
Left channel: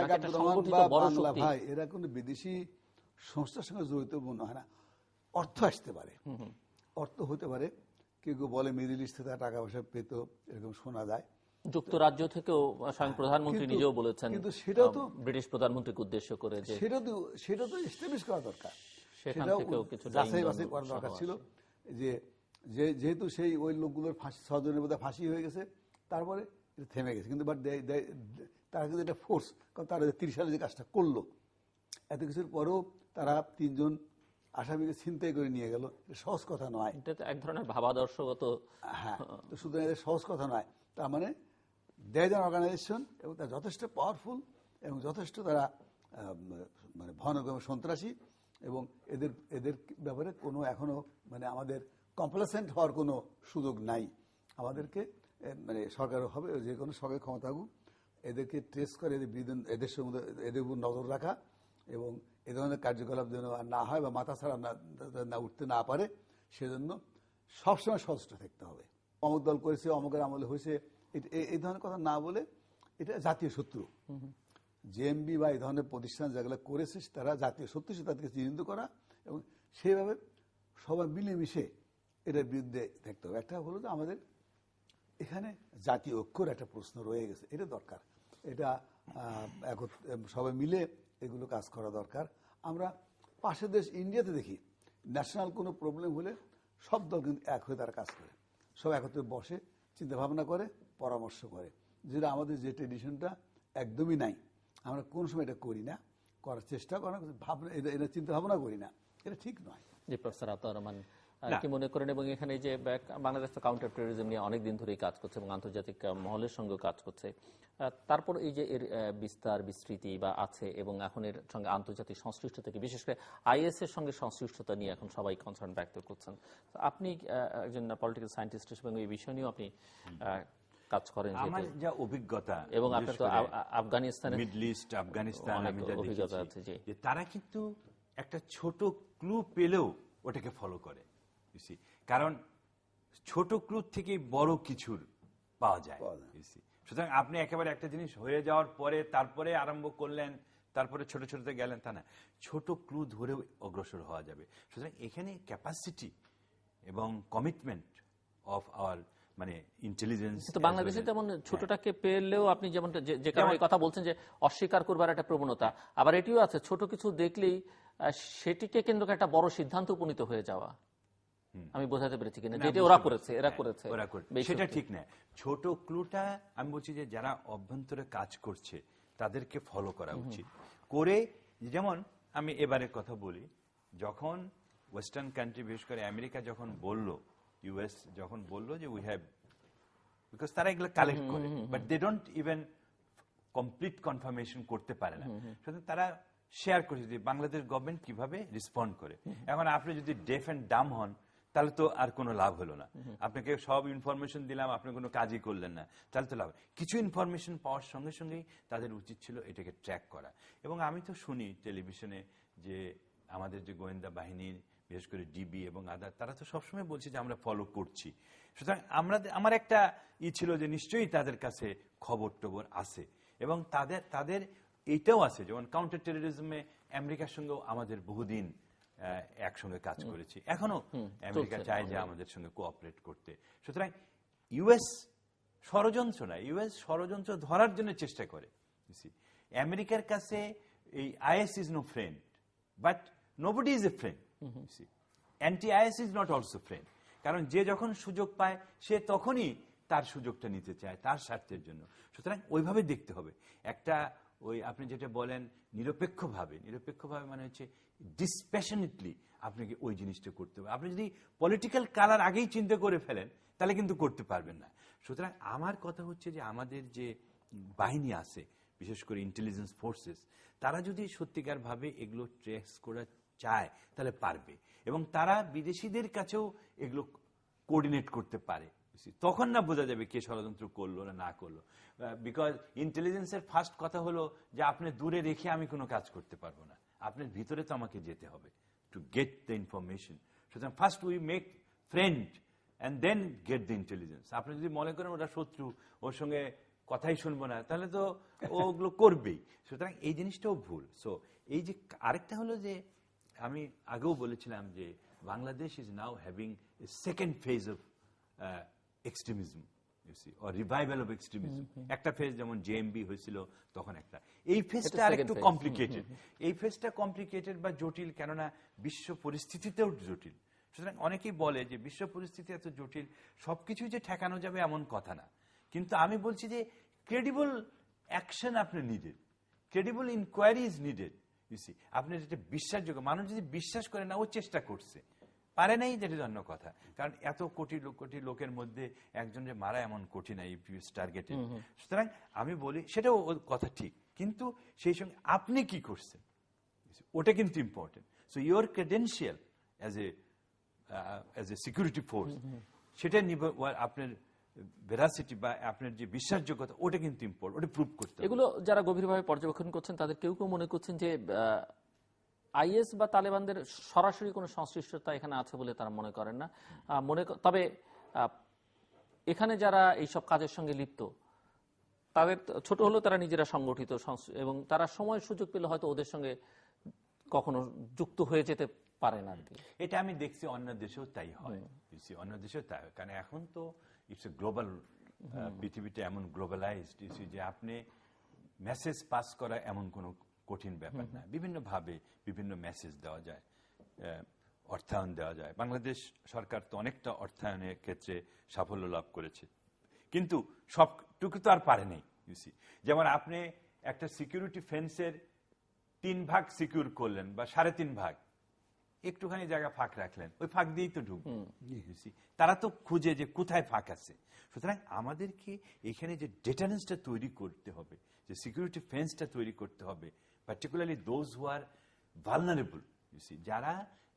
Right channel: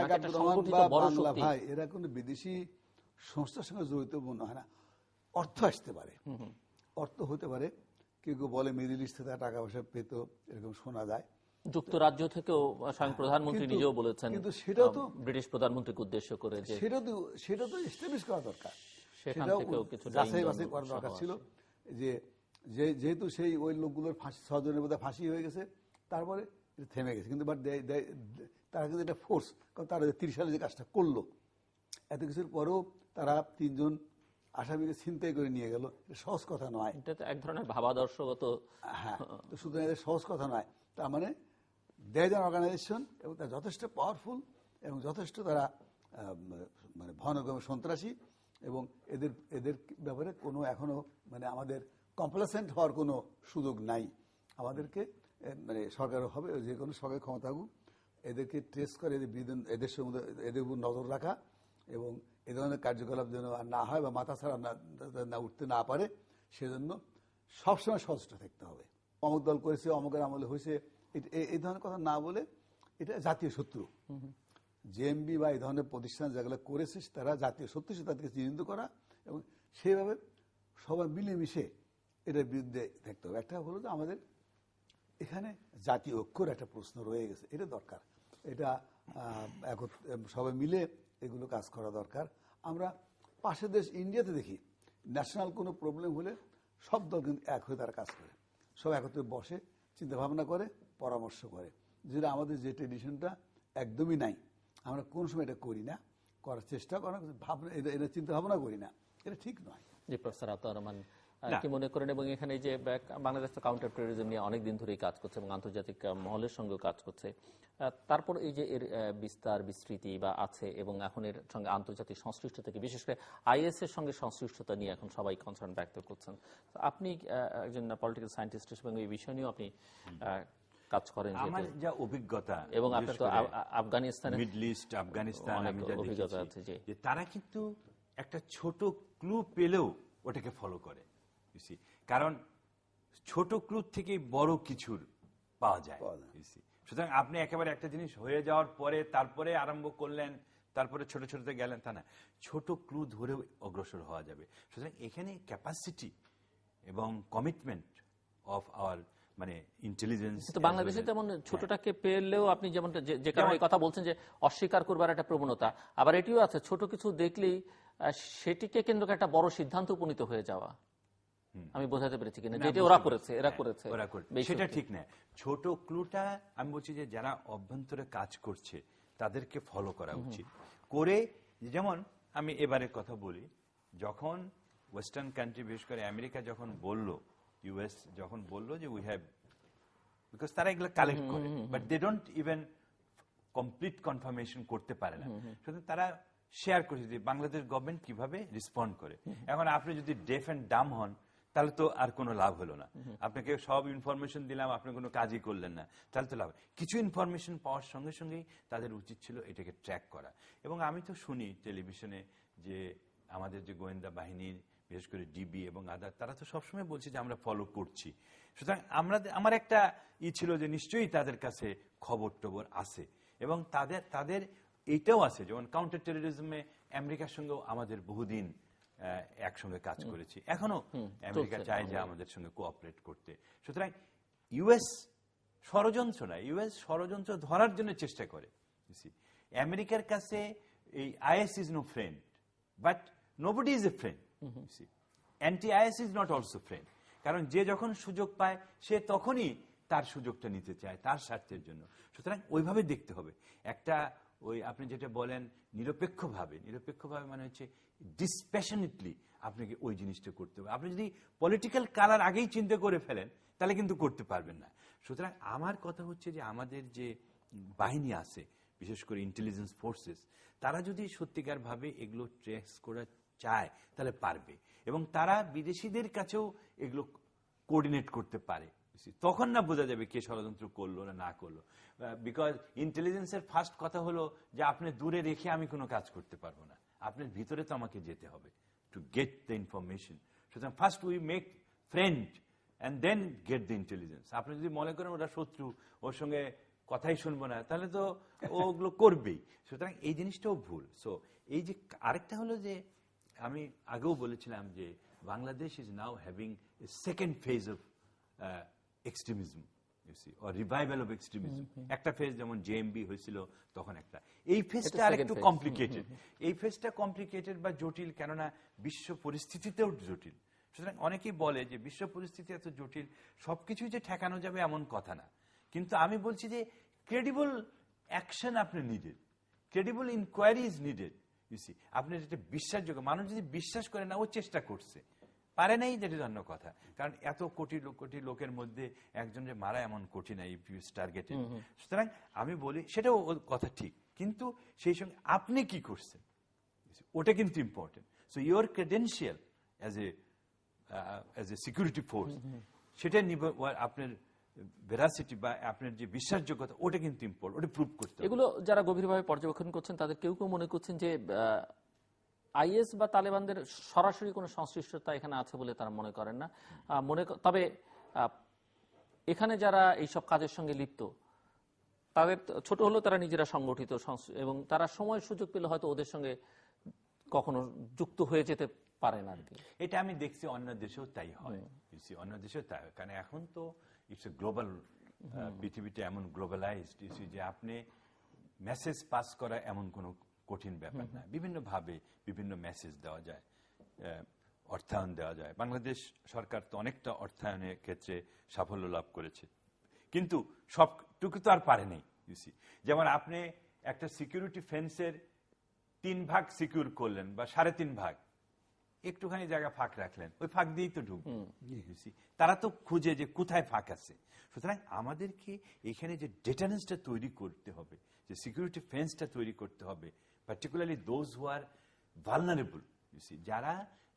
ভাই, এরা কোনো বিদেশি সংস্থার সঙ্গে জড়িত মনে হয় না। অর্থ আসতে পারে, অর্থ হতে পারে, কেউ কেউ বলে মিডল ইস্ট থেকে টাকা পয়সা পেত, এরকম শোনা যায়। যুক্তরাজ্য থেকেও স্বয়ং প্রধানমন্ত্রী নিজেও বলেছেন, কিন্তু সেটাও তো ব্রিটিশ প্রধানমন্ত্রীকে উদ্দেশ্য করে, যে সেটা তো এস্টাবলিশ করা দরকার, সেটাও যাচাই বাছাই করা দরকার ছিল। যে যেহেতু সেই ওই লোকগুলোর 6 জনের মধ্যে ফাঁসি হয়ে গেছে, তারপরে থেমে গেছে। কিন্তু বাট তারা কিন্তু এটা ফোর্স, কারণ তারা 30 সালে যে কাজটা করলো, এত কিছুর পরেও তারা 3 জন আসামিকে ছিনতাই করে নিয়ে গেল, সহজ কথা নয়। এটা তো এক ধরনের ভাবাদর্শগত। হ্যাঁ, তো সুতরাং এটা সহজ কথা নয়। তার মানে দেয় অর্গানাইজেশন, এবং তারা যথেষ্ট পাওয়ারফুল এবং যথেষ্ট তারা মানে ভয়ানক সন্ত্রাসী, এবং এদের ব্যাপারে কোনো এখনো মানে আমাদের কমপ্লেসেন্ট হওয়ার কোনো সুযোগ নাই। আমাদেরকে মানে সরকার হবে, যে কোনো সরকার ক্ষমতা থাকুক, এদেরকে ট্রেস করে এদের সঙ্গে এদের উপর নজর রাখা, এবং এ ধরনের কার্যকলাপ যেন আর না হয়, বা মাথা ছাড়া না উঠতে না পারে, সেজন্য সবসময় সচেষ্ট থাকতে হবে। অমুক দল করেছে, অমুকের আমলে হয়েছে, এই ধরনের কথা না বলে, এটা জাতীয় শত্রু। জেএমবি বা এই ধরনের প্রতিষ্ঠান যেগুলো করেছে তারা জাতীয় শত্রু, তাদেরকে চিহ্নিত করা, এবং সেইভাবে সবাই মিলেমিশে এটার বিরুদ্ধে থাকতে হবে। একটা হলো যে আমাদের এখানে জাতীয় ঐক্যর একটা প্রশ্ন রয়ে গেছে, এটা দরকার, এটা সবাই মিলে এগুলো কাজ করা দরকার। আমরা পাশের দেশ ইন্ডিয়াতে দেখি, ন্যাশনাল কোনো প্রবলেম হলে সব দল কিন্তু এক হয়ে তারা কাজ করে, সব একত্রে বসে চিন্তা ভাবনা করে, পরামর্শ করে, যেটা আমাদের যে ট্রেডিশনটা একদমই নাই। আমরা কোন সময় এটা করি না, করার চেষ্টা করা, ভাবনা এটা চিন্তা ভাবনা করি না, এটা ঠিক নয়। জি, প্রফেসর আতাউর রহমান কি মনে করেন? এবং এখানে যে বাংলাদেশ তো কাউন্টার টেরোরিজম নিয়ে অনেকদিন ধরেই কাজ করছে এবং আন্তর্জাতিক মহলের সঙ্গে কাজ করছে, তারপর এই যে এর বিস্তার বিস্তৃতি বা আছে, এবং এখন এর সঙ্গে আন্তর্জাতিক সংশ্লিষ্টতা থেকে, বিশেষ করে আইএস এর সঙ্গে সংশ্লিষ্টতা নিয়ে এখন সবাই কনসার্ন ব্যক্ত করছেন। আপনি একজন পলিটিক্যাল সায়েন্টিস্ট হিসেবে এই বিষয় নিয়েও আপনি কাজ করেন, আমার যা অভিজ্ঞতা, এবং আপনার তো আফগানিস্তানে, মিডল ইস্ট, আফগানিস্তান অভিজ্ঞতা আছে, যে তারা কিন্তু একটা ছোট ক্লু পেলেও ওটাকে ফলো করে। কারণ ছোট ক্লু থেকে বড় কিছুর পাওয়া যায়। সুতরাং আপনি একেবারে একটা জিনিস হয়ে যাওয়ার পরে তারপরে আরম্ভ করলেন, তারপরে ছোট ছোটতে গেলেন, তা না, ছোট ক্লু ধরেও অগ্রসর হওয়া যাবে। সুতরাং এখানে ক্যাপাসিটি এবং কমিটমেন্ট অফ আওয়ার মানে ইন্টেলিজেন্স। বাংলাদেশে তেমন ছোটটাকে পেলেও আপনি যেমন যে কারণে কথা বলছেন যে অস্বীকার করবার একটা প্রবণতা, আবার এটিও আছে ছোট কিছু দেখলেই সেটিকে কেন্দ্র করে একটা বড় সিদ্ধান্ত উপনীত হয়ে যাওয়া। আমি বোঝাতে পেরেছি কিনা, যেটা ওরা করেছে, সেটা ঠিক না। ছোট ক্লুটা আমি বলছি যে যারা অভ্যন্তরে কাজ করছে তাদেরকে ফলো করা উচিত করে। যেমন আমি এবারের কথা বলি, যখন ওয়েস্টার্ন কান্ট্রি, বিশেষ করে আমেরিকা যখন বলল, ইউএস যখন বললো যে উই হ্যাভ, বিকজ তারা এগুলো কালেক্ট করে, but they don't even complete confirmation করতে পারে না, শুধু তারা শেয়ার করেছে যে বাংলাদেশ গভর্নমেন্ট কিভাবে রেসপন্ড করে। এখন আপনি যদি ডেফ এন্ড ডাম হন, তাহলে তো আর কোনো লাভ হলো না। আপনাকে সব ইনফরমেশন দিলাম, আপনি কোনো কাজই করলেন না, তাহলে তো লাভ। কিছু ইনফরমেশন পাওয়ার সঙ্গে সঙ্গেই তাদের উচিত ছিল এটাকে ট্র্যাক করা। এবং আমি তো শুনি টেলিভিশনে যে আমাদের যে গোয়েন্দা বাহিনীর, বিশেষ করে ডিবি এবং আদার, তারা তো সবসময় বলছে যে আমরা ফলো করছি। সুতরাং আমার একটা ছিল যে নিশ্চয়ই তাদের কাছে খবর টবর আছে, এবং তাদের এইটাও আছে, যেমন কাউন্টার টেরোরিজমে আমেরিকার সঙ্গেও আমাদের বহুদিন একসঙ্গে কাজ করেছি, এখনো আমেরিকা চায় যে আমাদের সঙ্গে কোঅপারেট করতে। সুতরাং ইউএস ষড়যন্ত্র না, ইউএস ষড়যন্ত্র ধরার জন্য চেষ্টা করে। আমেরিকার কাছে এই IS is no friend, but nobody is a friend. Anti IS is not also friend. কারণ যে যখন সুযোগ পায় সে তখনই তার সুযোগটা নিতে চায় তার স্বার্থের জন্য। সুতরাং ওইভাবে দেখতে হবে। একটা ওই আপনি যেটা বলেন নিরপেক্ষভাবে মানে হচ্ছে ডিসপ্যাশনেটলি আপনাকে ওই জিনিসটা করতে হবে। আপনি যদি পলিটিক্যাল কালার আগেই চিন্তা করে ফেলেন তাহলে কিন্তু করতে পারবেন না। সুতরাং আমার কথা হচ্ছে যে আমাদের যে বাহিনী আছে, বিশেষ করে ইন্টেলিজেন্স ফোর্সেস, তারা যদি সত্যিকার ভাবে এগুলো ট্রেস করা চায় তাহলে পারবে, এবং তারা বিদেশিদের কাছেও এগুলো কোঅর্ডিনেট করতে পারে। তখন না বোঝা যাবে কে ষড়যন্ত্র করলো না করলো। বিকজ ইন্টেলিজেন্সের ফার্স্ট কথা হলো যে আপনি দূরে রেখে আমি কোনো কাজ করতে পারবো না, আপনার ভিতরে তো আমাকে যেতে হবে টু গেট দ্য ইনফরমেশন। সুতরাং first we make friend and then get the intelligence. আপনি যদি মনে করেন ওরা শত্রু, ওর সঙ্গে কথাই শুনবো না, তাহলে তো ওগুলো করবেই। সুতরাং এই জিনিসটাও ভুল। সো এই যে আরেকটা হলো যে আমি আগেও বলেছিলাম যে Bangladesh is now having a second phase of extremism or revival of extremism. একটা ফেজ যেমন জেএমবি হয়েছিল তখন একটা, এই ফেজটা আরেকটু কমপ্লিকেটেড। এই ফেজটা কমপ্লিকেটেড বা জটিল, কেননা বিশ্ব পরিস্থিতিতেও জটিল। সুতরাং অনেকেই বলে যে বিশ্ব পরিস্থিতি এত জটিল, সবকিছু যে ঠেকানো যাবে এমন কথা না। কিন্তু আমি বলছি যে ক্রেডিবল অ্যাকশন আপনি needed, credible inquiry is needed. আপনি যেটা বিশ্বাসযোগ্য, মানুষ যদি বিশ্বাস করে না ও চেষ্টা করছে, পারে নাই, যেটা অন্য কথা। কারণ এত কোটি কোটি লোকের মধ্যে একজন যে মারা এমন কঠিন এই টার্গেটে। সুতরাং আমি বলি সেটাও কথা ঠিক, কিন্তু সেই সঙ্গে আপনি কি করছেন ওটা কিন্তু important. So your credential as a security force, সেটা আপনার ভেরাসিটি বা আপনার যে বিশ্বাসযোগ্যতা ওটা কিন্তু ইম্পর্টেন্ট, ওটা প্রুভ করতে হবে। এগুলো যারা গভীরভাবে পর্যবেক্ষণ করছেন তাদের কেউ কেউ মনে করছেন যে আইএস বা তালেবানদের সরাসরি কোনো সংশ্লিষ্টতা এখানে আছে বলে তারা মনে করেন না। তবে এখানে যারা এইসব কাজের সঙ্গে লিপ্ত তাদের ছোট হলেও তারা নিজেরা সংগঠিত এবং তারা সময় সুযোগ পেলে হয়তো ওদের সঙ্গে কখনো যুক্ত হয়ে যেতে পারেন আর কি। এটা আমি দেখছি অন্য দেশেও তাই হয়, অন্য দেশেও তাই হয়। কারণ এখন তো ইটস এ গ্লোবাল, পৃথিবীটা এমন গ্লোবালাইজড যে আপনি মেসেজ পাস করা এমন কোনো কঠিন ব্যাপার না। বিভিন্ন ভাবে বিভিন্ন মেসেজ দেওয়া যায়, অর্থায়ন দেওয়া যায়। বাংলাদেশ সরকার তো অনেকটা অর্থায়নের ক্ষেত্রে সাফল্য লাভ করেছে, কিন্তু সবটুকু তো আর পারে নাই। যেমন আপনি একটা সিকিউরিটি ফেন্সের 3 ভাগ সিকিউর করলেন বা 3.5 ভাগ, একটুখানি জায়গা ফাঁক রাখলেন, ওই ফাঁক দিয়েই তো ঢুকবে। তারা তো খুঁজে যে কোথায় ফাঁক আছে। সুতরাং আমাদেরকে এখানে যে ডেটারেন্সটা তৈরি করতে হবে, যে সিকিউরিটি ফেন্সটা তৈরি করতে হবে, particularly those who are vulnerable,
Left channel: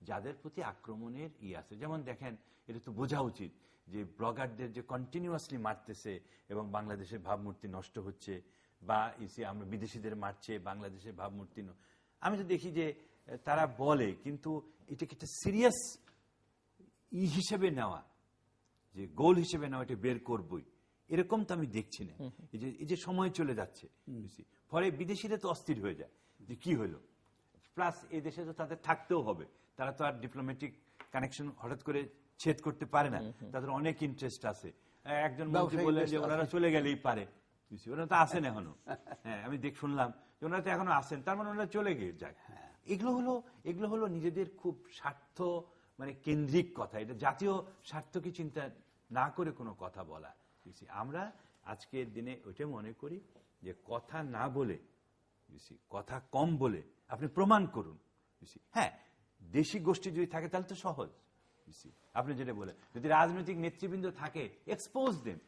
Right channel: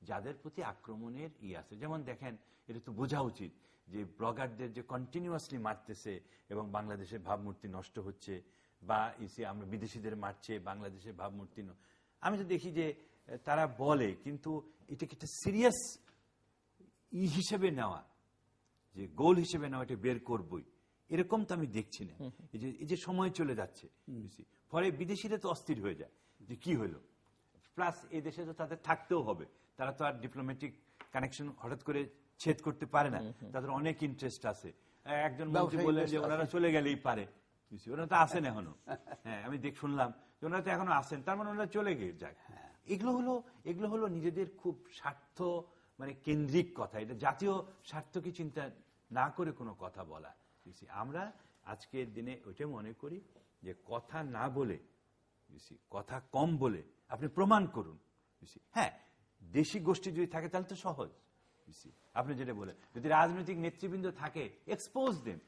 যাদের প্রতি আক্রমণের আছে। যেমন দেখেন, এটা তো বোঝা উচিত যে ব্লগারদের যে কন্টিনিউয়াসলি মারতেছে এবং বাংলাদেশের ভাবমূর্তি নষ্ট হচ্ছে, বা আমরা বিদেশিদের মারছে বাংলাদেশের ভাবমূর্তি। আমি তো দেখি যে তারা বলে, কিন্তু এটাকে একটা সিরিয়াস হিসেবে নেওয়া, যে গোল হিসেবে নেওয়া, এটা বের করবই, এরকম তো আমি দেখছি না। এই যে সময় চলে যাচ্ছে, ফলে বিদেশিরা তো অস্থির হয়ে যায় যে কি হলো। প্লাস এই দেশে তো তাদের থাকতেও হবে, তারা তো আর ডিপ্লোম্যাটিক কানেকশন হঠাৎ করে ছেদ করতে পারে না, তাদের অনেক ইন্টারেস্ট আছে। একজন মন্ত্রী বললেন যে ওনারা চলে গেলেই পারে, ওনারা তো আসেন এখনো। হ্যাঁ, আমি শুনলাম যে ওনারা তো এখনো আসেন, তার মানে ওনারা চলে গিয়ে যায়। এগুলো হলো নিজেদের খুব স্বার্থ মানে কেন্দ্রিক কথা। এটা জাতীয় স্বার্থকে চিন্তা না করে কোনো কথা বলা। আমরা আজকের দিনে ওইটা মনে করি যে কথা না বলে, কথা কম বলে আপনি প্রমাণ করুন। হ্যাঁ, দেশি গোষ্ঠী যদি থাকে তাহলে তো সহজ। আপনি যেটা বলে, যদি রাজনৈতিক নেতৃবৃন্দ থাকে, expose them,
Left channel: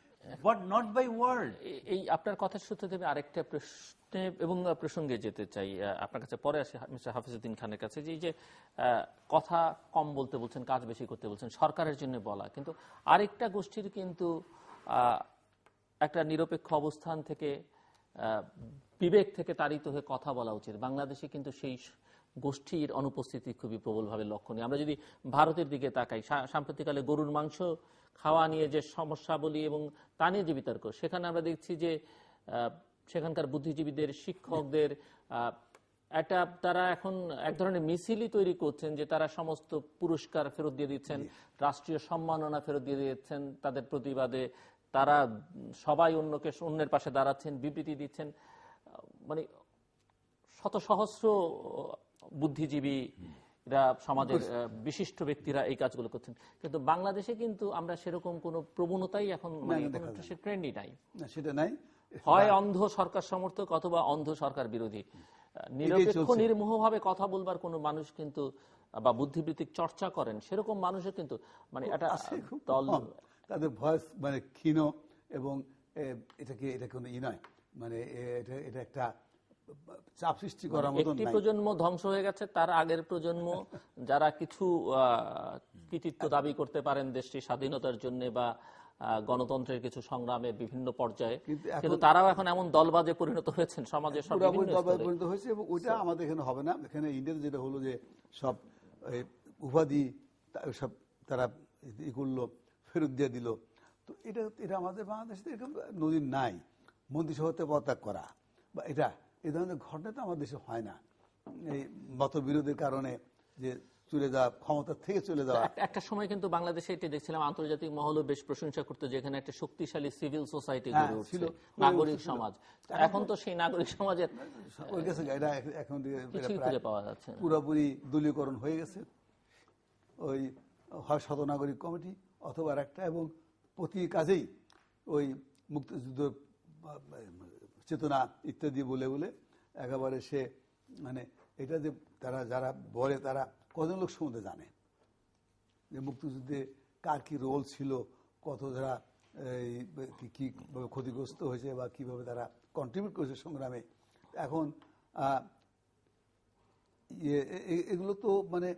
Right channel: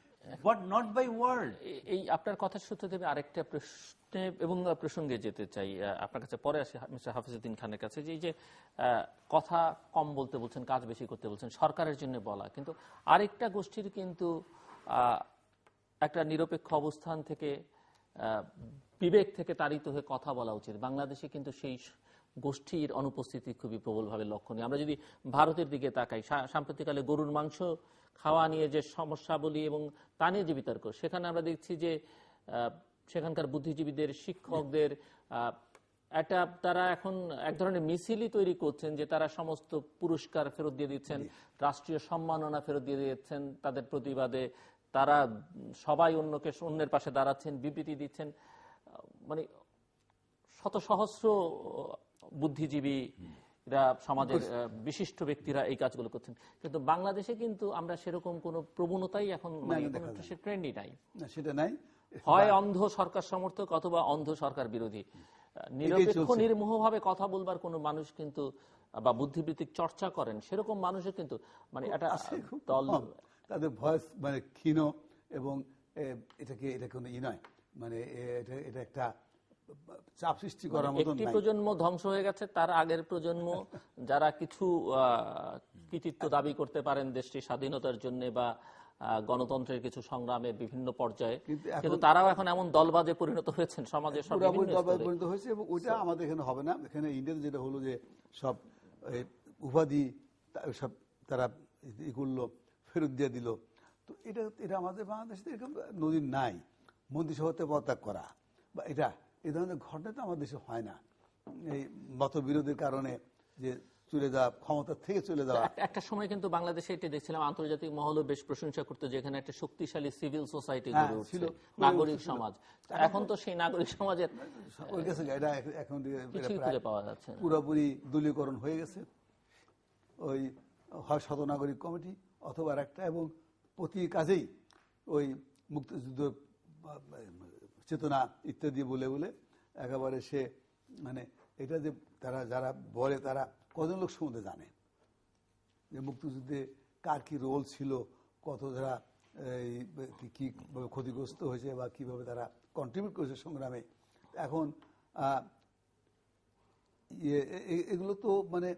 but not by word. এই আপনার কথার সূত্রে আমি আরেকটা প্রশ্নে এবং প্রসঙ্গে যেতে চাই, আপনার কাছে পরে আসি মিস্টার হাফিজউদ্দিন খানের কাছে। যে কথা কম বলতে বলছেন, কাজ বেশি করতে বলছেন, সরকারের জন্য বলা, কিন্তু আরেকটা গোষ্ঠীর কিন্তু একটা নিরপেক্ষ অবস্থান থেকে, বিবেক থেকে তাড়িত হয়ে কথা বলা উচিত। বাংলাদেশে কিন্তু সেই গোষ্ঠীর অনুপস্থিতি খুবই প্রবলভাবে লক্ষণীয়। আমরা যদি ভারতের দিকে তাকাই, সাম্প্রতিককালে গরুর মাংস খাওয়া নিয়ে যে সমস্যাবলী এবং তা নিয়ে যে বিতর্ক, সেখানে আমরা দেখছি যে সেখানকার বুদ্ধিজীবীদের, শিক্ষকদের একটা তারা এখন এক ধরনের মিছিলই তৈরি করছেন যে তারা সমস্ত পুরস্কার ফেরত দিয়ে দিচ্ছেন, রাষ্ট্রীয় সম্মাননা ফেরত দিয়ে দিচ্ছেন তাদের প্রতিবাদে, তারা সবাই অন্যের পাশে দাঁড়াচ্ছেন, বিবৃতি দিচ্ছেন। মানে শত সহস্র বুদ্ধিজীবী সমাজের বিশিষ্ট ব্যক্তিরা এই কাজগুলো করছেন, কিন্তু বাংলাদেশে কিন্তু আমরা সেরকম কোনো প্রবণতাই এখন সে ট্রেন্ডই নাই। সেটা নাই, হয় অন্ধ সরকার সমর্থক অথবা অন্ধ সরকার বিরোধী। নিরপেক্ষ নির্মোহভাবে কথা বলবার কোনো মানুষ কিন্তু বা বুদ্ধিবৃত্তিক চর্চা করেন সেরকম মানুষের কিন্তু মানে এটা দল তাদের ভয়েস মানে ক্ষীণ, এবং এটা কোনো নয়, মানে এটা একটা চাপ সৃষ্টি করার মতো। একটি প্রজন্ম ধ্বংস হয়ে গেছে, তার আগের প্রজন্ম যারা কিছু কৃতিত্ব দাবি করতে পারেন দেশটির স্বাধীনতার জন্য বা গণতন্ত্রের কিছু সংগ্রামে বিভিন্ন পর্যায়ে, কিন্তু তারাও এখন এমন দলবাদে পরিণত হয়েছেন সমাজের সব পরিণত হয়েছে। এবং ওইটা আমাদের এখানে হবে না। এখানে ইন্ডিয়াতে যেটা হলো যে সব উপাধি সব তারা ই করলো, ফেরত দিয়ে দিল। তো এটা আমাদের বাংলাদেশে এরকম নদীর নাই, মন্ত্রিসভাতে পদত্যাগ করা বা এই ধরনের ঘটনা তো আমাদের দেশে হয় না। এই মতবিরোধের কারণে যে চলে যাওয়া, ক্ষমতা থেকে চলে যাওয়া। একটা সময় কিন্তু বাংলাদেশে এটি দেখছিলাম, আন্তর্জাতিক মহলও বেশ প্রশংসা করতো, যেখানে একটা শক্তিশালী সিভিল সোসাইটি গড়ে উঠছিল, নাগরিক সমাজ। এখন তো সেই নাগরিক সমাজের এখন পাওয়া যাচ্ছে পুরোপুরি দলীয়করণ হয়ে গেছে। ওই হয় শতনাগরিক কমিটি অথবা একটা, এবং প্রতি কাজেই ওই মুক্তিযুদ্ধ চেতনা ইত্যাদি বলে বলে একেবারে সে মানে এটা যে তারা যারা বলে তারা কজন লোক সম্বন্ধে জানে যে মুক্তিযুদ্ধে কার কি রোল ছিল, কত যারা কি ক্ষতিগ্রস্ত হয়েছে বা কিভাবে তারা কন্ট্রিবিউট করেছে সংগ্রামে। এখন এগুলো তো মানে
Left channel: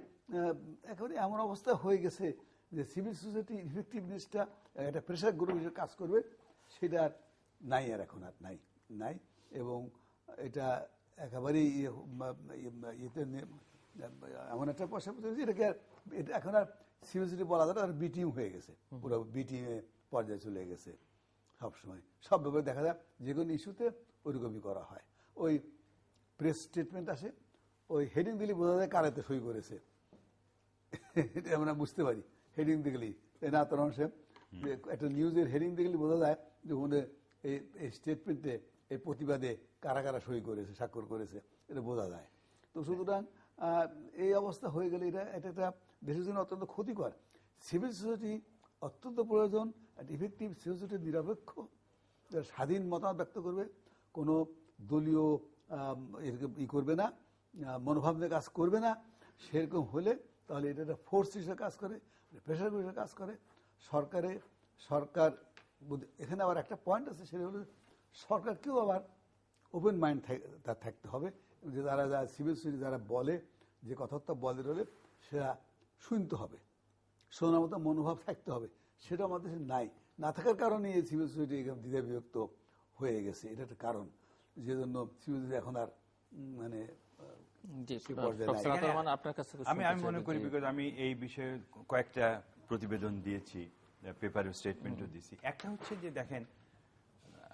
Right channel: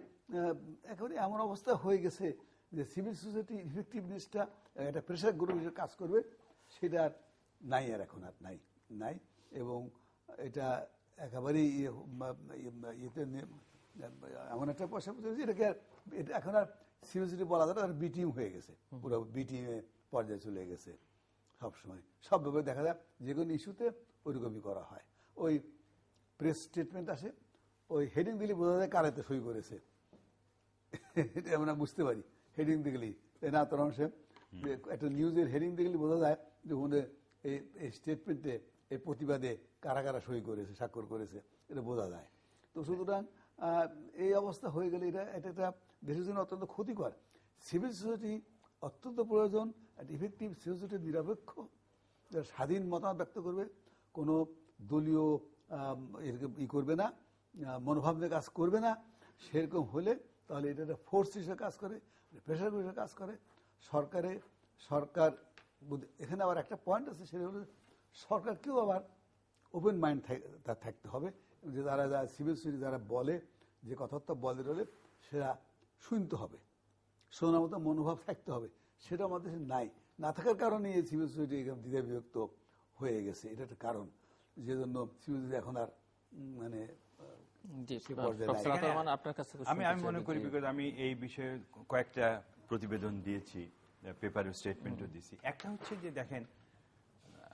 একেবারে এমন অবস্থা হয়ে গেছে যে সিভিল সোসাইটি ইফেক্টিভনেসটা একটা প্রেশার গ্রুপ হিসেবে কাজ করবে, সেটা নাই, আর এখন আর নাই। এবং এটা একেবারেই এমন একটা পয়সা এটাকে এখন আর সিভিল সোসাইটি বলা যায় আর বিটিং হয়ে গেছে, পুরো বিটিং পর্যায়ে চলে গেছে। সবসময় সব ব্যাপারে দেখা যায় যে কোনো ইস্যুতে ওইরকমই করা হয়। ওই প্রেস স্টেটমেন্ট আসে, ওই হেডিং দিলে বোঝা যায় কারাতে সই করেছে, এটা আমরা বুঝতে পারি হেডিং দেখলেই, তাই না? তরুণ সাহেব, একটা নিউজের হেডিং দেখলে বোঝা যায় যে ওদের এই স্টেটমেন্টে এই প্রতিবাদে কারা কারা সই করেছে, স্বাক্ষর করেছে, এটা বোঝা যায়। তো সুতরাং এই অবস্থা হয়ে গেলে এটা একটা দেশের জন্য অত্যন্ত ক্ষতিকর। সিভিল সোসাইটি অত্যন্ত প্রয়োজন, ইফেক্টিভ সিভিল সোসাইটি, নিরপেক্ষ, স্বাধীন মতামত ব্যক্ত করবে, কোনো দলীয় করবে না, মনোভাব নিয়ে কাজ করবে না। সেরকম হলে তাহলে এটা একটা ফোর্স হিসেবে কাজ করে, প্রেশার হিসেবে কাজ করে। সরকার এখানে আবার একটা পয়েন্ট আছে, সেটা হলো সরকারকেও আবার ওপেন মাইন্ড তার থাকতে হবে, যে তারা যারা সিভিল সোসাইটি যারা বলে, যে কথাবার্তা বলে রলে সেটা শুনতে হবে, শোনার মতো মনোভাব থাকতে হবে। সেটা আমাদের নাই, না থাকার কারণে এই সিভিল সোসাইটি দ্বিধা বিভক্ত হয়ে গেছে। এটা একটা কারণ, যে জন্য সিভিল সোসাইটি এখন আর মানে আমি মনে করি, বিকজ আমি এই বিষয়ে কয়েকটা প্রতিবেদন দিয়েছি, পেপারে স্টেটমেন্টও দিয়েছি। একটা হচ্ছে যে দেখেন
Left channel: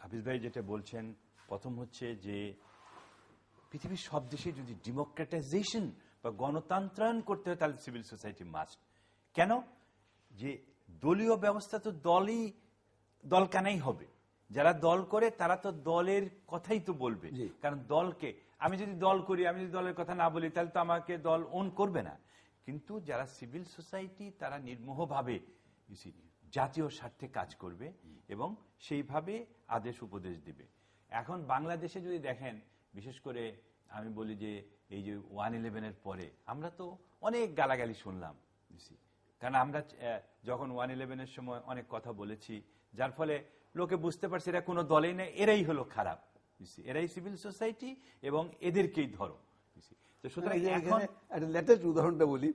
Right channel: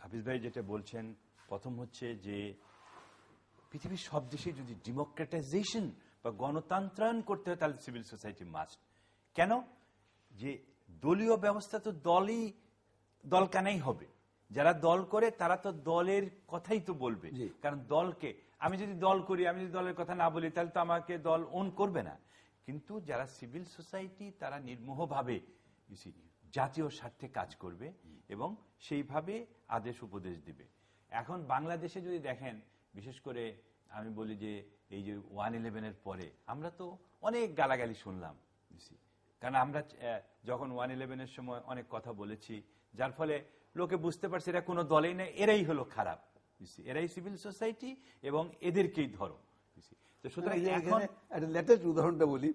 হাফিজ ভাই যেটা বলছেন, প্রথম হচ্ছে যে পৃথিবীর সব দেশে যদি ডেমোক্রেটাইজেশন বা গণতন্ত্রায়ন করতে হয় তাহলে সিভিল সোসাইটি মাস্ট। কেন? যে দলীয় ব্যবস্থা তো দল কানাই হবে, যারা দল করে তারা তো দলের কথাই তো বলবে, কারণ দলকে আমি যদি দল করি, আমি যদি দলের কথা না বলি তাহলে তো আমাকে দল ওন করবে না। কিন্তু যারা সিভিল সোসাইটি তারা নির্মোহভাবে জাতীয় স্বার্থে কাজ করবে এবং সেইভাবে আদেশ উপদেশ দিবে। এখন বাংলাদেশে যদি দেখেন, বিশেষ করে আমি বলি যে এই যে 1/11-এর পরে আমরা তো অনেক গালাগালি শুনলাম, কারণ আমরা যখন 1/11-এর সময় অনেক কথা বলেছি, যার ফলে লোকে বুঝতে পারছে এরা কোনো দলেই নেই, এরাই হলো খারাপ, এরাই সিভিল সোসাইটি এবং এদেরকেই ধরো। তো সুতরাং একটা লেটেস্ট উদাহরণটা বলি,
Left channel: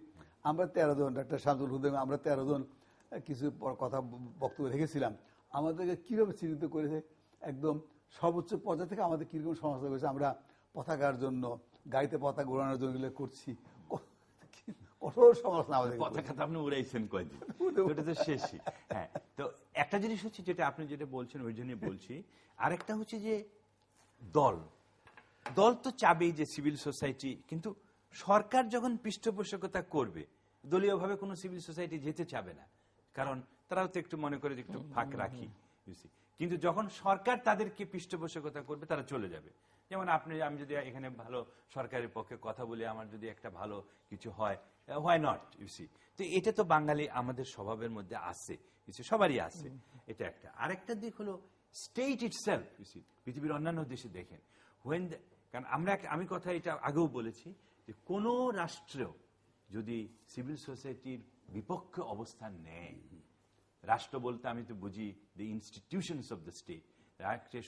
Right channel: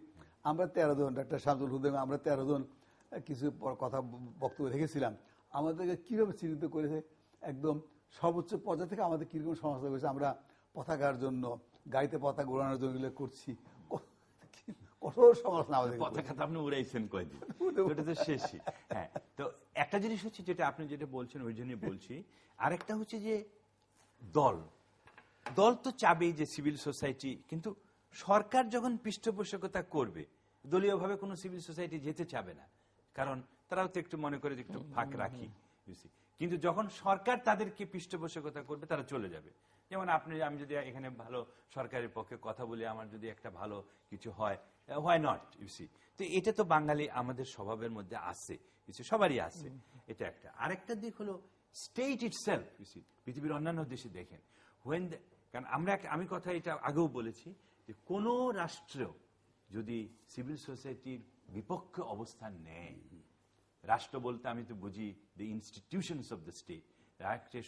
আমরা 13 জন, ডাক্তার শামসুল হুদা, আমরা 13 জন কিছু কথা বক্তব্য রেখেছিলাম। আমাদেরকে কিভাবে চিহ্নিত করেছে, একদম সর্বোচ্চ পর্যায়ে থেকে আমাদের কিরকম সমালোচনা করেছে। আমরা পতাকার জন্য, গাড়িতে পতাকা উড়ানোর জন্য করছি, কঠোর সমালোচনা আমাদের। পতাকা তো আপনি উড়াইছেন কয়দিন, ওটা তো শেষই। হ্যাঁ, তো একটা জিনিস হচ্ছে যেটা আপনি যেটা বলছেন ওই জন্যই বলছি। আরেকটা হচ্ছে যে দল, দল তো চাবেই যে সিভিল সোসাইটি, কিন্তু সরকার যখন পৃষ্ঠপোষকতা করবে দলীয়ভাবে কোনো সিভিল সোসাইটি যেতে চাবে না, কারণ তারাও তো একটু মনে করে যে একটু ফাঁক রাখি। কিন্তু যখন সরকার তাদেরকে পৃষ্ঠপোষকতা করবে তারা চলে যাবে। যেমন আমি যদি এখানে ভালো সরকারের পক্ষে কথা বলি, আমার যদি একটা ভালো কিছু হয়, হোয়াই নট, ইউসি। তো এটা তো বাঙালি আমাদের স্বভাবের মধ্যে আছে, সবারই আছে। এটা একটা। আরেকটা দিক হলো স্টেট ইটসেলফ, ইউসি। পৃথিবীর অন্যান্য দেশে দেখেন, কারণ আমি কথা এটা আগেও বলেছি যে কোন রাষ্ট্র যদি সিভিল সোসাইটির বিপক্ষে অবস্থান নেয়, রাষ্ট্র বলতে আমি তো বুঝি the institutions of the state, রাষ্ট্রের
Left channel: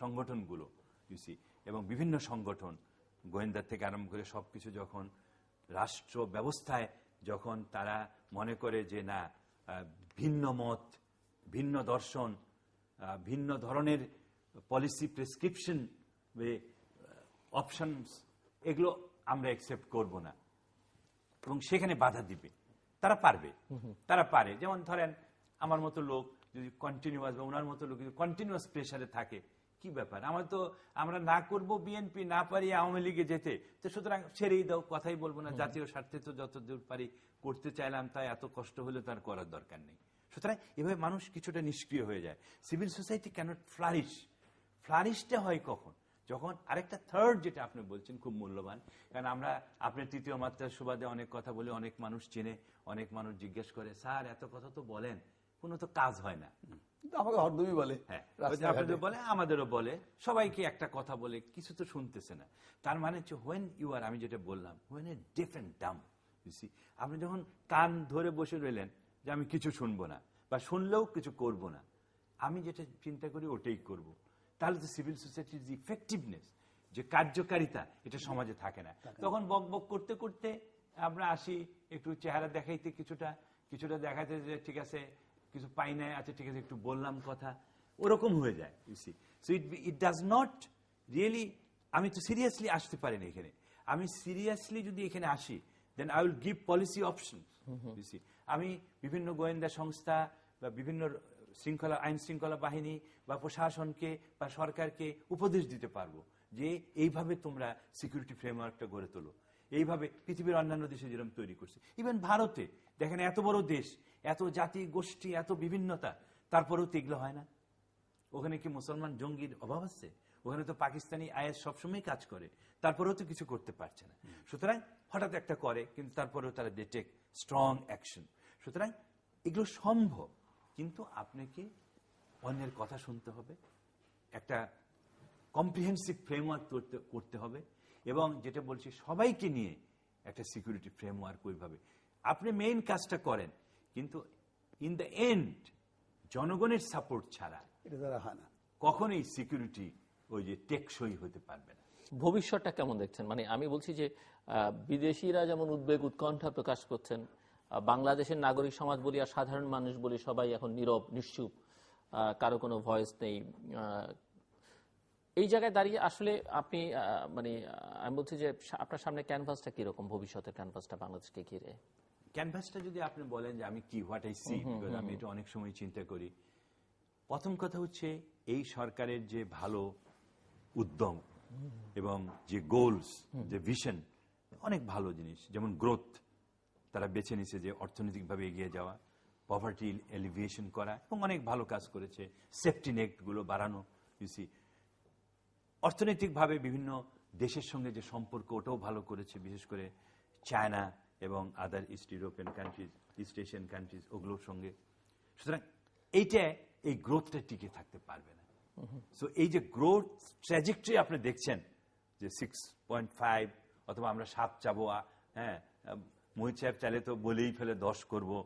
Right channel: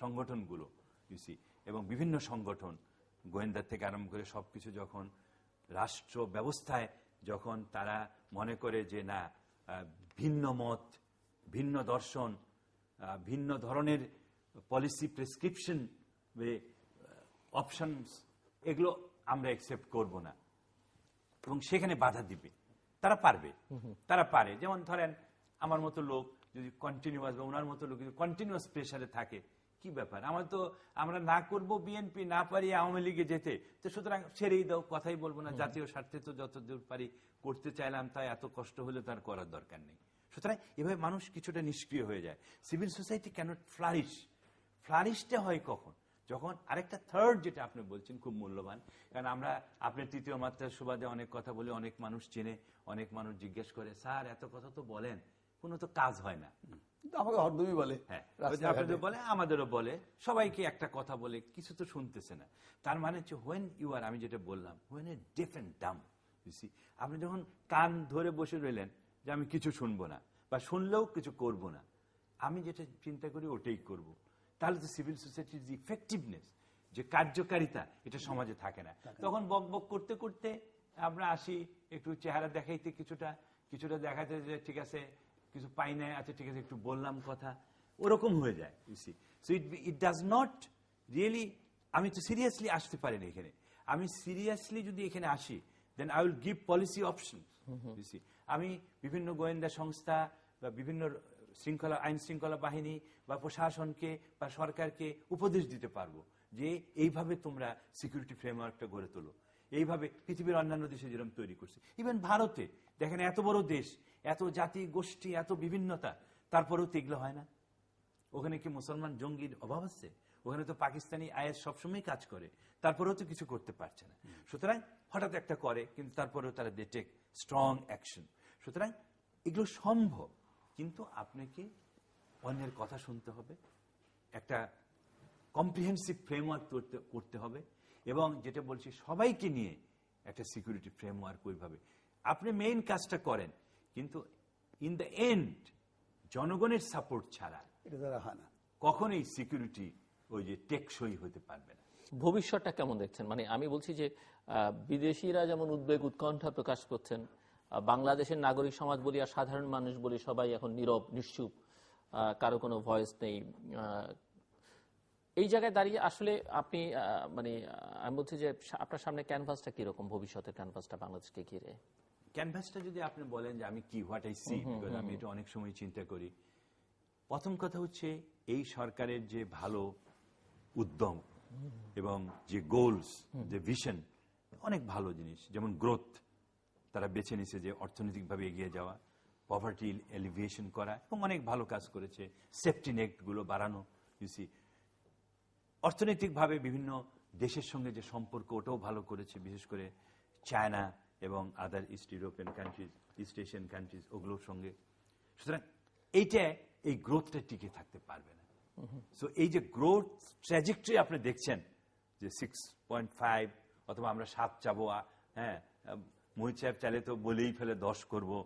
সংগঠনগুলো, ইউসি, এবং বিভিন্ন সংগঠন, গোয়েন্দা থেকে আরম্ভ করে সবকিছু, যখন রাষ্ট্র ব্যবস্থায় যখন তারা মনে করে যে না, ভিন্ন মত, ভিন্ন দর্শন, ভিন্ন ধরনের পলিসি প্রেসক্রিপশন, অপশনস, এগুলো আমরা অ্যাকসেপ্ট করব না, এবং সেখানে বাধা দিবে, তারা পারবে, তারা পারে। যেমন ধরেন আমার মতো লোক যদি কন্টিনিউয়াস, বা ওনার মতো লোক যদি কন্টিনিউয়াস প্রেসারে থাকে, কি ব্যাপার, আমরা না করব বিএনপি, না পারি আওয়ামী লীগে যেতে, তো সুতরাং ছেড়েই দাও, কথাই বলবো না, জাতীয় স্বার্থে তো যতদূর পারি করতে চাইলাম, তাই এত কষ্ট হলে তার করার দরকার নেই। সুতরাং এভাবে মানুষ কিছুটা নিষ্ক্রিয় হয়ে যায়। Civil society cannot flourish. ফ্লারিশটা হয় কখন? যখন আরেকটা থার্ড, যেটা আপনি বলছেন খুব মূল্যবান, কারণ আপনার তৃতীয় মাত্রার সুবাদে অনেক কথা বলে, অনেক মানুষ চেনে, অনেক মানুষ জিজ্ঞেস করে, স্যার এত কথা তো বলেন, কোনো তো কাজ হয় না। আমাকে হরদমই বলে, হ্যাঁ, আপনাদের বলে, আমাদেরও বলে, সবাইকে একটা কথা বলে, কিছু তো শুনতেছে না। তার মানে হচ্ছে হোয়েন ইউ আর, আমি যেটা বললাম, হোয়েন এ ডিফ এন্ড ডাম, আপনি যখন কান ধরে বসে রইলেন যে আমি কিছু শুনবো না, বা শুনলেও কিছু করব না, আমি যেটা চিন্তা করি ওটাই করব, তাহলে তো সিভিল সোসাইটির যে ইফেক্টিভনেস, যে কার্যকারিতা, এটা সমাজে থাকে না। তখন বক বক করতে করতে আমরা আসি, একটু চেহারা দেখাইতে, কিছুটা দেখাতে যে ঠিক আছে কিছু পাই নাই, আছে ঠিক আছে একটু বললাম কথা, ওরকম হয়ে যায়। So it does not really, আমি তো সিরিয়াসলি আসতে পারি না এখানে। আমি সিরিয়াসলি যদি এখানে আসি, then I will give policy option. আমি বিভিন্ন গোয়েন্দা সংস্থা বা বিভিন্ন আইন শৃঙ্খলা বাহিনী বা প্রশাসনকে বা সরকারকে উপদেশ দিতে পারবো যে এইভাবে তোমরা সিকিউরিটি ফ্রেমওয়ার্কটা গড়ে তোলো, এইভাবে পৃথিবীর অন্যান্য দেশে যেরকম তৈরি করছে। ইভেন ভারতে দেখেন, এত বড় দেশ, এত জাতি গোষ্ঠী, এত বিভিন্নতা, তারপরেও তো এগুলো হয় না। ওখানে কি মুসলমান জঙ্গির অভাব আছে? ওখানে তো পাকিস্তানি আইএস সবসময় কাজ করে, তারপরেও তো কিছু করতে পারছে না। সুতরাং হঠাৎ একটা করে, কিন্তু তারপরেও তারা দে টেক স্ট্রং অ্যাকশন। সুতরাং এগুলো সম্ভব, কিন্তু আপনাকে অন্যের কথা শুনতে হবে, একটা কম্প্রিহেন্সিভ ফ্রেমওয়ার্ক করতে হবে, এবং যেটা বলছি সবাইকে নিয়ে একটা সিকিউরিটি ফ্রেমওয়ার্ক ওইভাবে আপনি মেইন কাজটা করেন, কিন্তু ইন দ্য এন্ড জনগণের সাপোর্ট ছাড়া কখনোই সিকিউরিটি ওই যে টেকসই হতে পারবে না। ভবিষ্যৎটা কেমন দেখছেন? মানে আমি বলছি যে বিদেশিরা যেমন উদ্বেগ উৎকণ্ঠা প্রকাশ করছেন, বাংলাদেশের নাগরিক সমাজ বলি আর সাধারণ মানুষ বলি সবাই এখন নীরব, নিশ্চুপ, কারো কোনো ভয়েস নেই। এই জায়গায় দাঁড়িয়ে আসলে আপনি মানে আমি বলছি যে আপনার সামনে ক্যানভাসটা কিরকম, ভবিষ্যতের ক্যানভাসটা বাংলাদেশকে ঘিরে? ক্যানভাসটা যদি আপনি বলেন যে আমি কি হোয়াট আই সি, আমি এটা অনেক সময় চিন্তা করি। প্রথম কথা হচ্ছে এই সরকারের যে ভালো উদ্যম এবং যে গোলস, যে ভিশন, অনেক ভালো জিনিস, যেমন গ্রোথ তারা বেছে নিছে, যে অর্থনৈতিকভাবে এগিয়ে যাওয়া, পভার্টি এলিভিয়েশন করা, এবং অনেক ভালো কাজ করেছে, সেফটি নেট গুলো বাড়ানো, অর্থনৈতিকভাবে বিভিন্ন দেশের সঙ্গে যে সম্পর্ক ওটাও ভালো করেছে, বিশেষ করে চায়না এবং other East European countries, East Asian countries, ওগুলোর সঙ্গে। সুতরাং এই গ্রোথটা টিকে থাকতে পারবে না। সো এই যে গ্রোথ ট্র্যাজেক্টরি আপনি দেখছেন যে 6.5 অথবা আমরা 7 চাবো, হ্যাঁ, মোহিত সাহেব চাইলে তো বলেই ফেলে 10 করবো,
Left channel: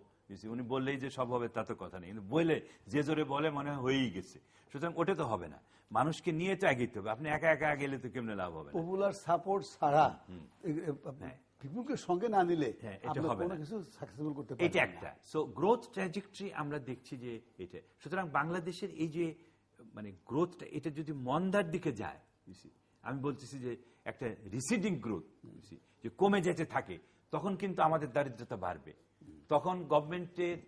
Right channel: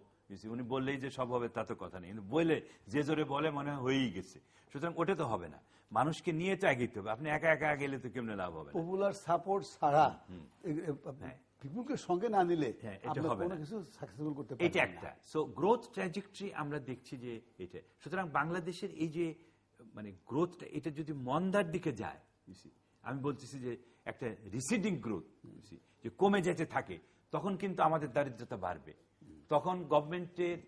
উনি বললেই যে সব হবে তা তো কথা নেই, কিন্তু বললে যে জোরে বলে মনে হয় হয়েই গেছে। সুতরাং ওটা তো হবে না, মানুষকে নিয়ে তো এগিয়ে হবে। আপনি একা একা গেলে তো কেমনে লাভ হবে? পপুলার সাপোর্ট ছাড়া, পিপুলকে সঙ্গে না নিলে এটা হবে না, কিছু সাকসেসফুল করতে পারবে না। এটা একটা। সো গ্রোথ ট্র্যাজেক্টরি আমরা দেখছি যে এটা। সুতরাং বাংলাদেশের এই যে মানে গ্রোথটা, এটা যদি মন্দার দিকে যায়, আমি বলতেছি যে একটা রিসিডিং গ্রোথ, যে কমে যেতে থাকে, তখন কিন্তু আমাদের দারিদ্রতা বাড়বে। তখন গভর্নমেন্টের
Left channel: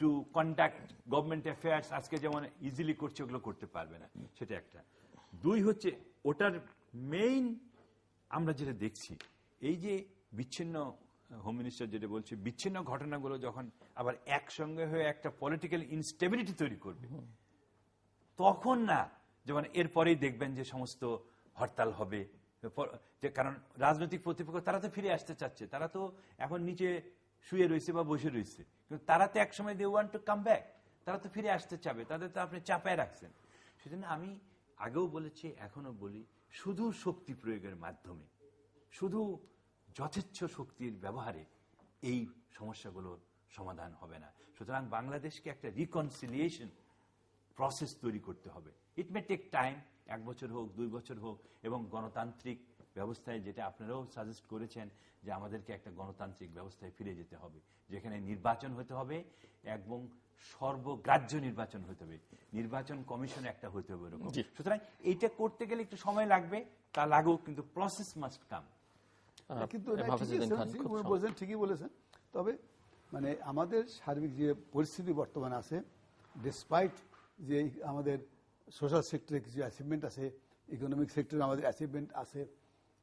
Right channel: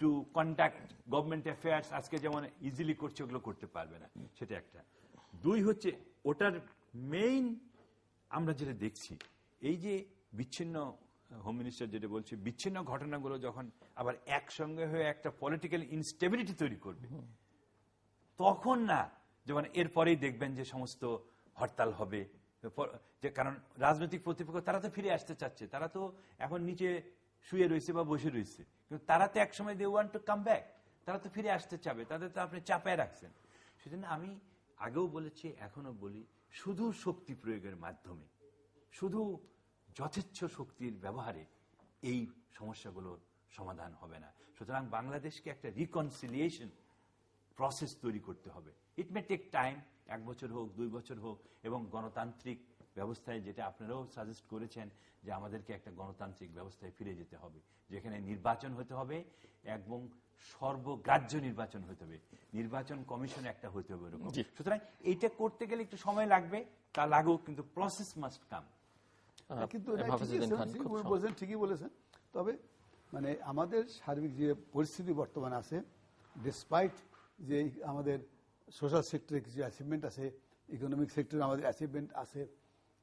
টু কন্ডাক্ট গভর্নমেন্ট অ্যাফেয়ার্স আজকে যেমন ইজিলি করছে, ওগুলো করতে পারবে না, সেটা একটা। দুই হচ্ছে ওটার মেইন আমরা যেটা দেখছি, এই যে বিচ্ছিন্ন, হোম মিনিস্টার যেটা বলছে, বিচ্ছিন্ন ঘটনাগুলো যখন আবার একসঙ্গে হয়ে একটা পলিটিক্যাল ইনস্টেবিলিটি তৈরি করবে, তখন না, যেমন এরপরেই দেখবেন যে সমস্ত হরতাল হবে, যে কারণ রাজনৈতিক প্রতিপক্ষ তারা তো ফিরে আসতে চাচ্ছে, তারা তো এখন নিচে শুয়ে রয়েছে বা বসে রয়েছে, কিন্তু তারা তো একসময় they want to come back, তারা তো ফিরে আসতে চাবে, তাদের তো আপনি চাপায় রাখছেন। সেজন্য আমি আগেও বলেছি, এখনো বলি, শুধু শক্তি প্রয়োগের মাধ্যমে, শুধু যথেচ্ছ শক্তির ব্যবহারে এই সমস্যাগুলোর সমাধান হবে না। সুতরাং বাংলাদেশকে একটা রিকনসিলিয়েশন প্রসেস তৈরি করতে হবে। ইট মে টেক টাইম, 1 বছর হোক, 2 বছর হোক, এবং গণতান্ত্রিক ব্যবস্থায়, যেটা আপনারাও সাজেস্ট করেছেন যে আমাদেরকে একটা গণতান্ত্রিক ব্যবস্থায় ফিরে যেতে হবে, যেখানে নির্বাচন হতে হবে এবং সর্বগ্রাহ্য নির্বাচন হতে হবে, নির্বাচন কমিশন একটা হতে হবে এরকম। সুতরাং এইটা করতে গেলে একটু সময় লাগবে, তা লাগুক, কিন্তু প্রসেস মাস্ট কাম। কিন্তু ঠিকই বলেছেন। তবে মানে আমাদের সার্বিক যে পরিস্থিতি বর্তমান আছে, ডিসপাইট যে আমাদের সোশ্যাল সেক্টরে কিছু অ্যাচিভমেন্ট আছে, ইকোনমিক সেক্টরে আমাদের অ্যাচিভমেন্ট আছে,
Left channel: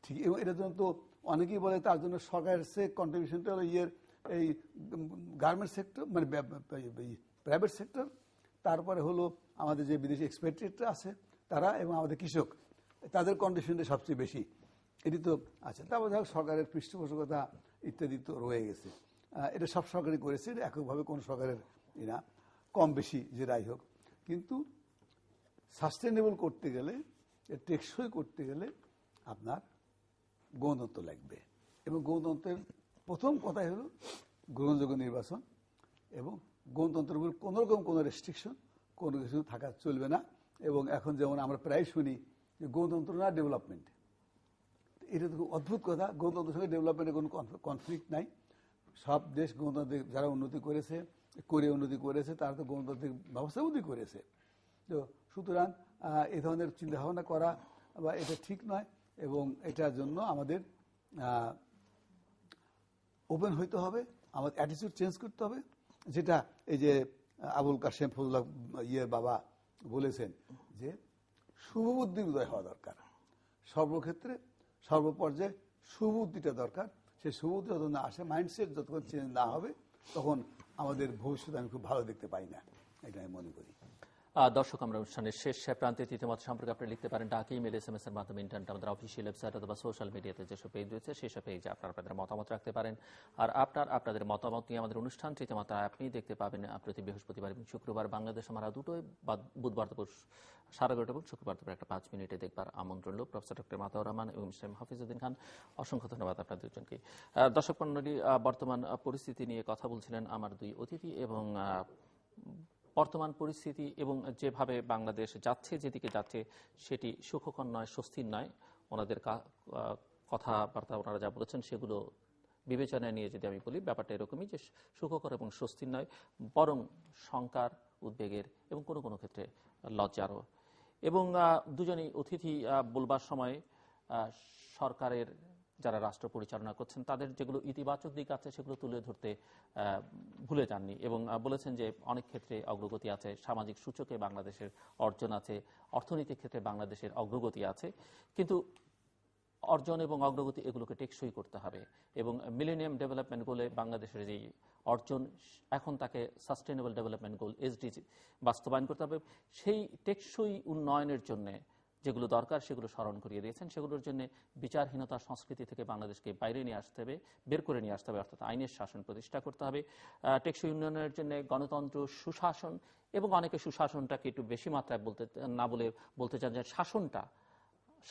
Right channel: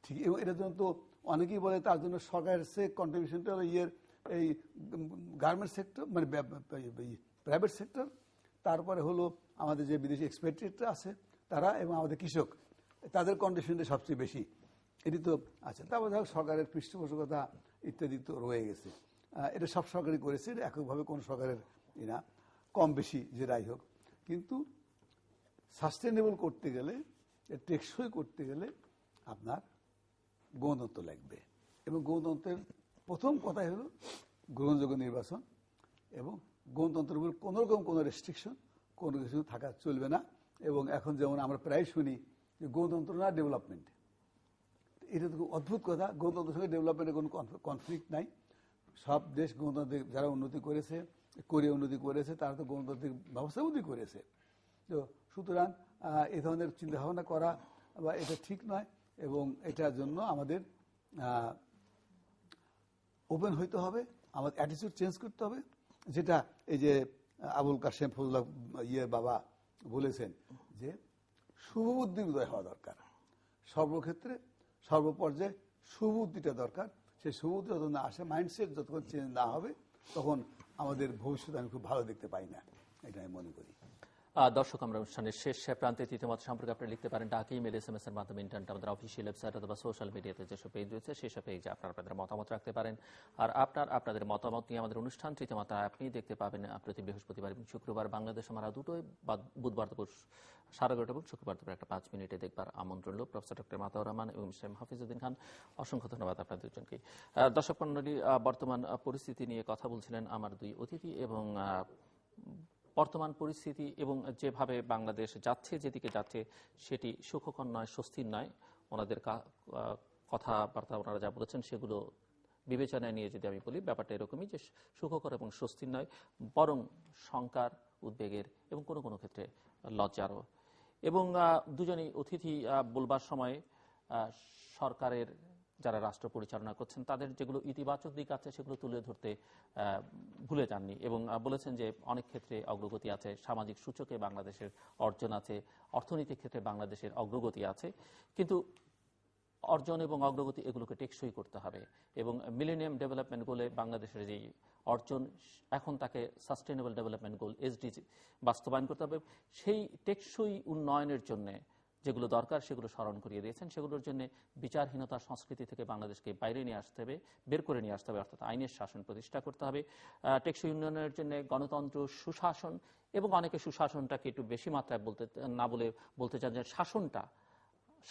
ঠিক, এবং এটার জন্য তো অনেকেই বলে তার জন্য সরকারের কন্ট্রিবিউশনটা হলো এই গার্মেন্ট সেক্টর, মানে প্রাইভেট সেক্টর, তারপরে হলো আমাদের যে বিদেশি এক্সপেক্টেটরা আছে তারা, এবং আমাদের কৃষক, তাদের কন্ট্রিবিউশনটা সবচেয়ে বেশি। এটি তো আচ্ছা, তারপর ধরো সরকারের পৃষ্ঠপোষকতা ইত্যাদি তো রয়ে গেছে। এটা সব সরকারই করেছে, এককভাবে কোন সরকারের না, কম বেশি যেটাই হোক। কিন্তু সাস্টেনেবল করতে গেলে, টেকসই করতে গেলে আপনার গণতন্ত্র লাগবে, এবং গণতন্ত্রের প্রথম কথাই হলো গ্রহণযোগ্য নির্বাচন, এবং গণতন্ত্রের উপর কোনো রকম কোনো রেস্ট্রিকশন কোনো কিছু থাকা চলবে না। এবং এখন যেমন আমরা প্রায় শুনি যে গণতন্ত্র না ডেভেলপমেন্ট, এটা তো অদ্ভুত কথা। গণতন্ত্রের সঙ্গে ডেভেলপমেন্টের কোনো কনফ্লিক্ট নাই। সব দেশ গণতান্ত্রিক যারা উন্নতি করেছে, উন্নতি করেছে, তারা তো গণতান্ত্রিক ব্যবস্থার মধ্যে করেছে। তো সুতরাং এ ধরনের চিন্তাভাবনা করা বা এটা ঠিক নয়, এবং এটার জন্য আমাদের ওপেন হইতে হবে, আমাদের অ্যাটিটিউড চেঞ্জ করতে হবে। যেটা এই যে আবুল কাশেম ফজলুল্লাহ বাবা বলেছেন যে শুভবুদ্ধির উদয় হওয়া দরকার, সর্বক্ষেত্রে সর্বপর্যায়ে শুভবুদ্ধিটা দরকার। সেই শুভবুদ্ধি যত না আসে, মাইন্ডসেট যতক্ষণ চেঞ্জ না হবে, তখন আমাদের ভবিষ্যৎ আমি খুব ভালো দেখতে পাই না, এটা আমি মনে করি। দর্শক, আমরা অনুষ্ঠানের শেষ প্রান্তে তৃতীয় মত সম্পর্কে আপনি লিখতে পারেন ডাক, ইমেল, SMS এর মাধ্যমে, ইন্টারনেট, আমাদের অফিসিয়াল ওয়েবসাইট অথবা সোশ্যাল মিডিয়াতে যেসব পেজ রয়েছে সেসব পেজে আপনারা আপনাদের মতামত রাখতে পারেন। আর আপনাদের মতামত নিয়ে আমাদের অনুষ্ঠান তৃতীয় মত আপনি দেখতে পাবেন প্রতি বৃহস্পতিবার এবং শুক্রবার বাংলাদেশ আমরা দুটোই, বুধবার দুপুর 11:30 এবং শুক্রবার দুপুর 1:05 মিনিটে দেখবার আমন্ত্রণ রইল। প্রফেসর ডক্টর মাতাউর রহমান এবং মিস্টার হাফিজউদ্দিন খান, অসংখ্য ধন্যবাদ আপনাদের দুজনকে। দর্শক মণ্ডলী, বর্তমান পরিস্থিতি নিয়ে কথা বলছিলেন আমার দুই অতিথি, এবং বর্তমান পরিস্থিতি এবং যেভাবে বাংলাদেশ যাচ্ছে, যেদিকে যাচ্ছে, সেটি সুখকর নয়, স্বস্তির নয়। ওনাদের কথাবার্তা ওনারা যা বলেছেন সেগুলো বিবেচনায় নিয়ে যদি আমি বলি, ব্যাপারটা এরকমই যে সুখকর এবং স্বস্তির নয়, বরং শঙ্কার, উদ্বেগের এবং কোনো কোনো ক্ষেত্রে লজ্জারও। এবং দুজনই অতিথি বলবার সময় সরকারের যারা রাষ্ট্র পরিচালনা করছেন তাদের যেগুলো ইতিবাচক দিক আছে সেগুলো তুলে ধরতে ভুলে যাননি, এবং বলেছেন যে অনেক ক্ষেত্রে অগ্রগতি আছে, সামাজিক সূচকে বাংলাদেশের অর্জন আছে, অর্থনৈতিক ক্ষেত্রে বাংলাদেশের অগ্রগতি আছে, কিন্তু অর্জন এবং অগ্রগতি এগুলোকে টেকসই করতে হবে। এবং মিলেনিয়াম ডেভেলপমেন্ট গোলে বাংলাদেশের যে অর্জন, এখন তাকে সাস্টেনেবল ডেভেলপমেন্ট গোল SDG বাস্তবায়ন করতে হবে। সেই টেকসই উন্নয়নের জন্য যেগুলো দরকার সেগুলো স্মরণ করিয়ে দিয়েছেন। সেগুলোর জন্য বিচারহীনতার সংস্কৃতি থেকে বাংলাদেশকে বাইরে নিয়ে আসতে হবে, বের করে নিয়ে আসতে হবে, অর্থাৎ আইনের শাসন প্রতিষ্ঠা করতে হবে। টেকসই উন্নয়নের জন্য গণতন্ত্র, সুশাসন, এবং অনেকে সুশাসনটাকে একটু বেশি মাত্রায় বলতে চান যে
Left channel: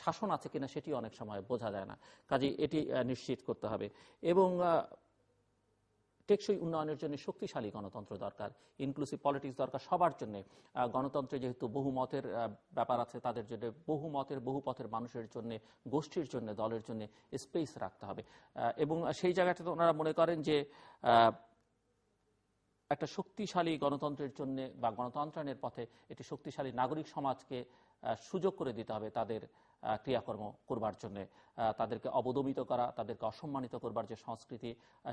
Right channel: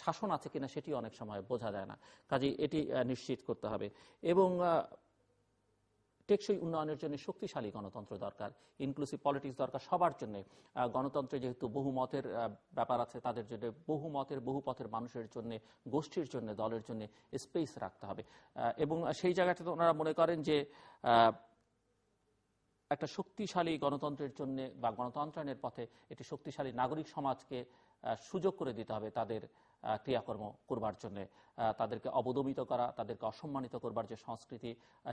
শাসন আছে কিনা সেটি অনেক সময় বোঝা যায় না, কাজেই এটি নিশ্চিত করতে হবে। এবং টেকসই উন্নয়নের জন্য শক্তিশালী গণতন্ত্র দরকার, ইনক্লুসিভ পলিটিক্স দরকার সবার জন্য। গণতন্ত্রে যেহেতু বহুমতের ব্যাপার আছে, তাদের জন্য বহুপথের মানুষের জন্য, গোষ্ঠীর জন্য, দলের জন্য স্পেস রাখতে হবে। এবং সেই জায়গাটাতে ওনারা মনে করেন যে একটা শক্তিশালী গণতন্ত্রের জন্য বা গণতন্ত্রায়নের পথে একটি শক্তিশালী নাগরিক সমাজকে সুযোগ করে দিতে হবে তাদের ক্রিয়াকর্ম করবার জন্য। তাদেরকে অবদমিত করা, তাদেরকে অসম্মানিত করবার যে সংস্কৃতি,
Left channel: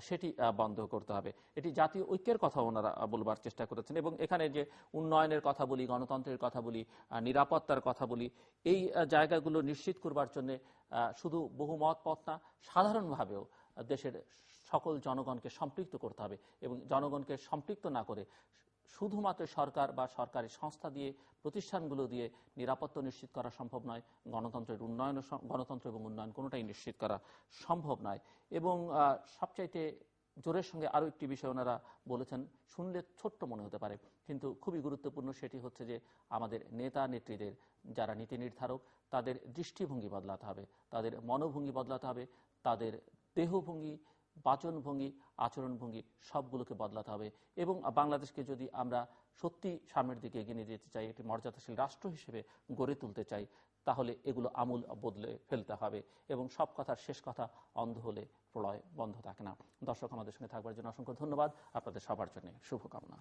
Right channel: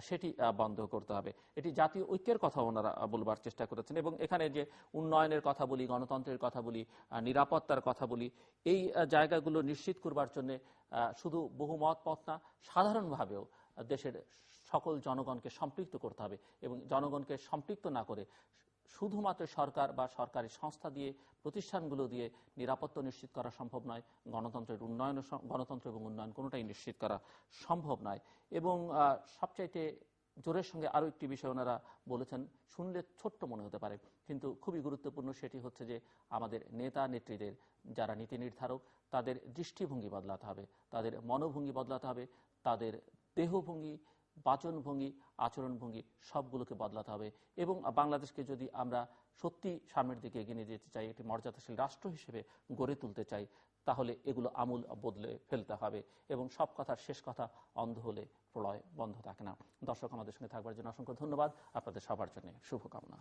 সেটি বন্ধ করতে হবে। এটি জাতীয় ঐক্যের কথা ওনারা বলবার চেষ্টা করেছেন। এবং এখানে যে উন্নয়নের কথা বলি, গণতন্ত্রের কথা বলি, নিরাপত্তার কথা বলি, এই জায়গাগুলো নিশ্চিত করবার জন্য শুধু বহুমত পথ না, সাধারণভাবেও দেশের সকল জনগণকে সম্পৃক্ত করতে হবে। এবং জনগণকে সম্পৃক্ত না করে শুধুমাত্র সরকার বা সরকারি সংস্থা দিয়ে, প্রতিষ্ঠানগুলো দিয়ে নিরাপত্তা নিশ্চিত করা সম্ভব নয়। গণতন্ত্র এবং উন্নয়ন কোনোটাই নিশ্চিত করা সম্ভব নয়। এবং সবচাইতে জোরের সঙ্গে আরো একটি বিষয় ওনারা বলেছেন, শুনলে ছোট্ট মনে হতে পারে কিন্তু খুবই গুরুত্বপূর্ণ, সেটি হচ্ছে যে আমাদের নেতা নেত্রীদের, যারা নীতি নির্ধারক, তাদের দৃষ্টিভঙ্গি বদলাতে হবে, তাদের মনোভঙ্গি বদলাতে হবে, তাদের দেহভঙ্গি, বাচনভঙ্গি, আচরণভঙ্গি সবগুলোকে বদলাতে হবে। এবং বাংলাদেশকে যদি আমরা সত্যি সামনের দিকে এগিয়ে নিয়ে যেতে চাই, একটি মর্যাদাশীল রাষ্ট্র হিসেবে গড়ে তুলতে চাই, তাহলে এগুলো আমূল বদলে ফেলতে হবে। এবং সব কথার শেষ কথা, অন্ধ হলে প্রলয় বন্ধ থাকে না। দর্শক, আমাদের সঙ্গে থাকবার জন্য অসংখ্য ধন্যবাদ। আপনাদের সবার জন্য শুভকামনা।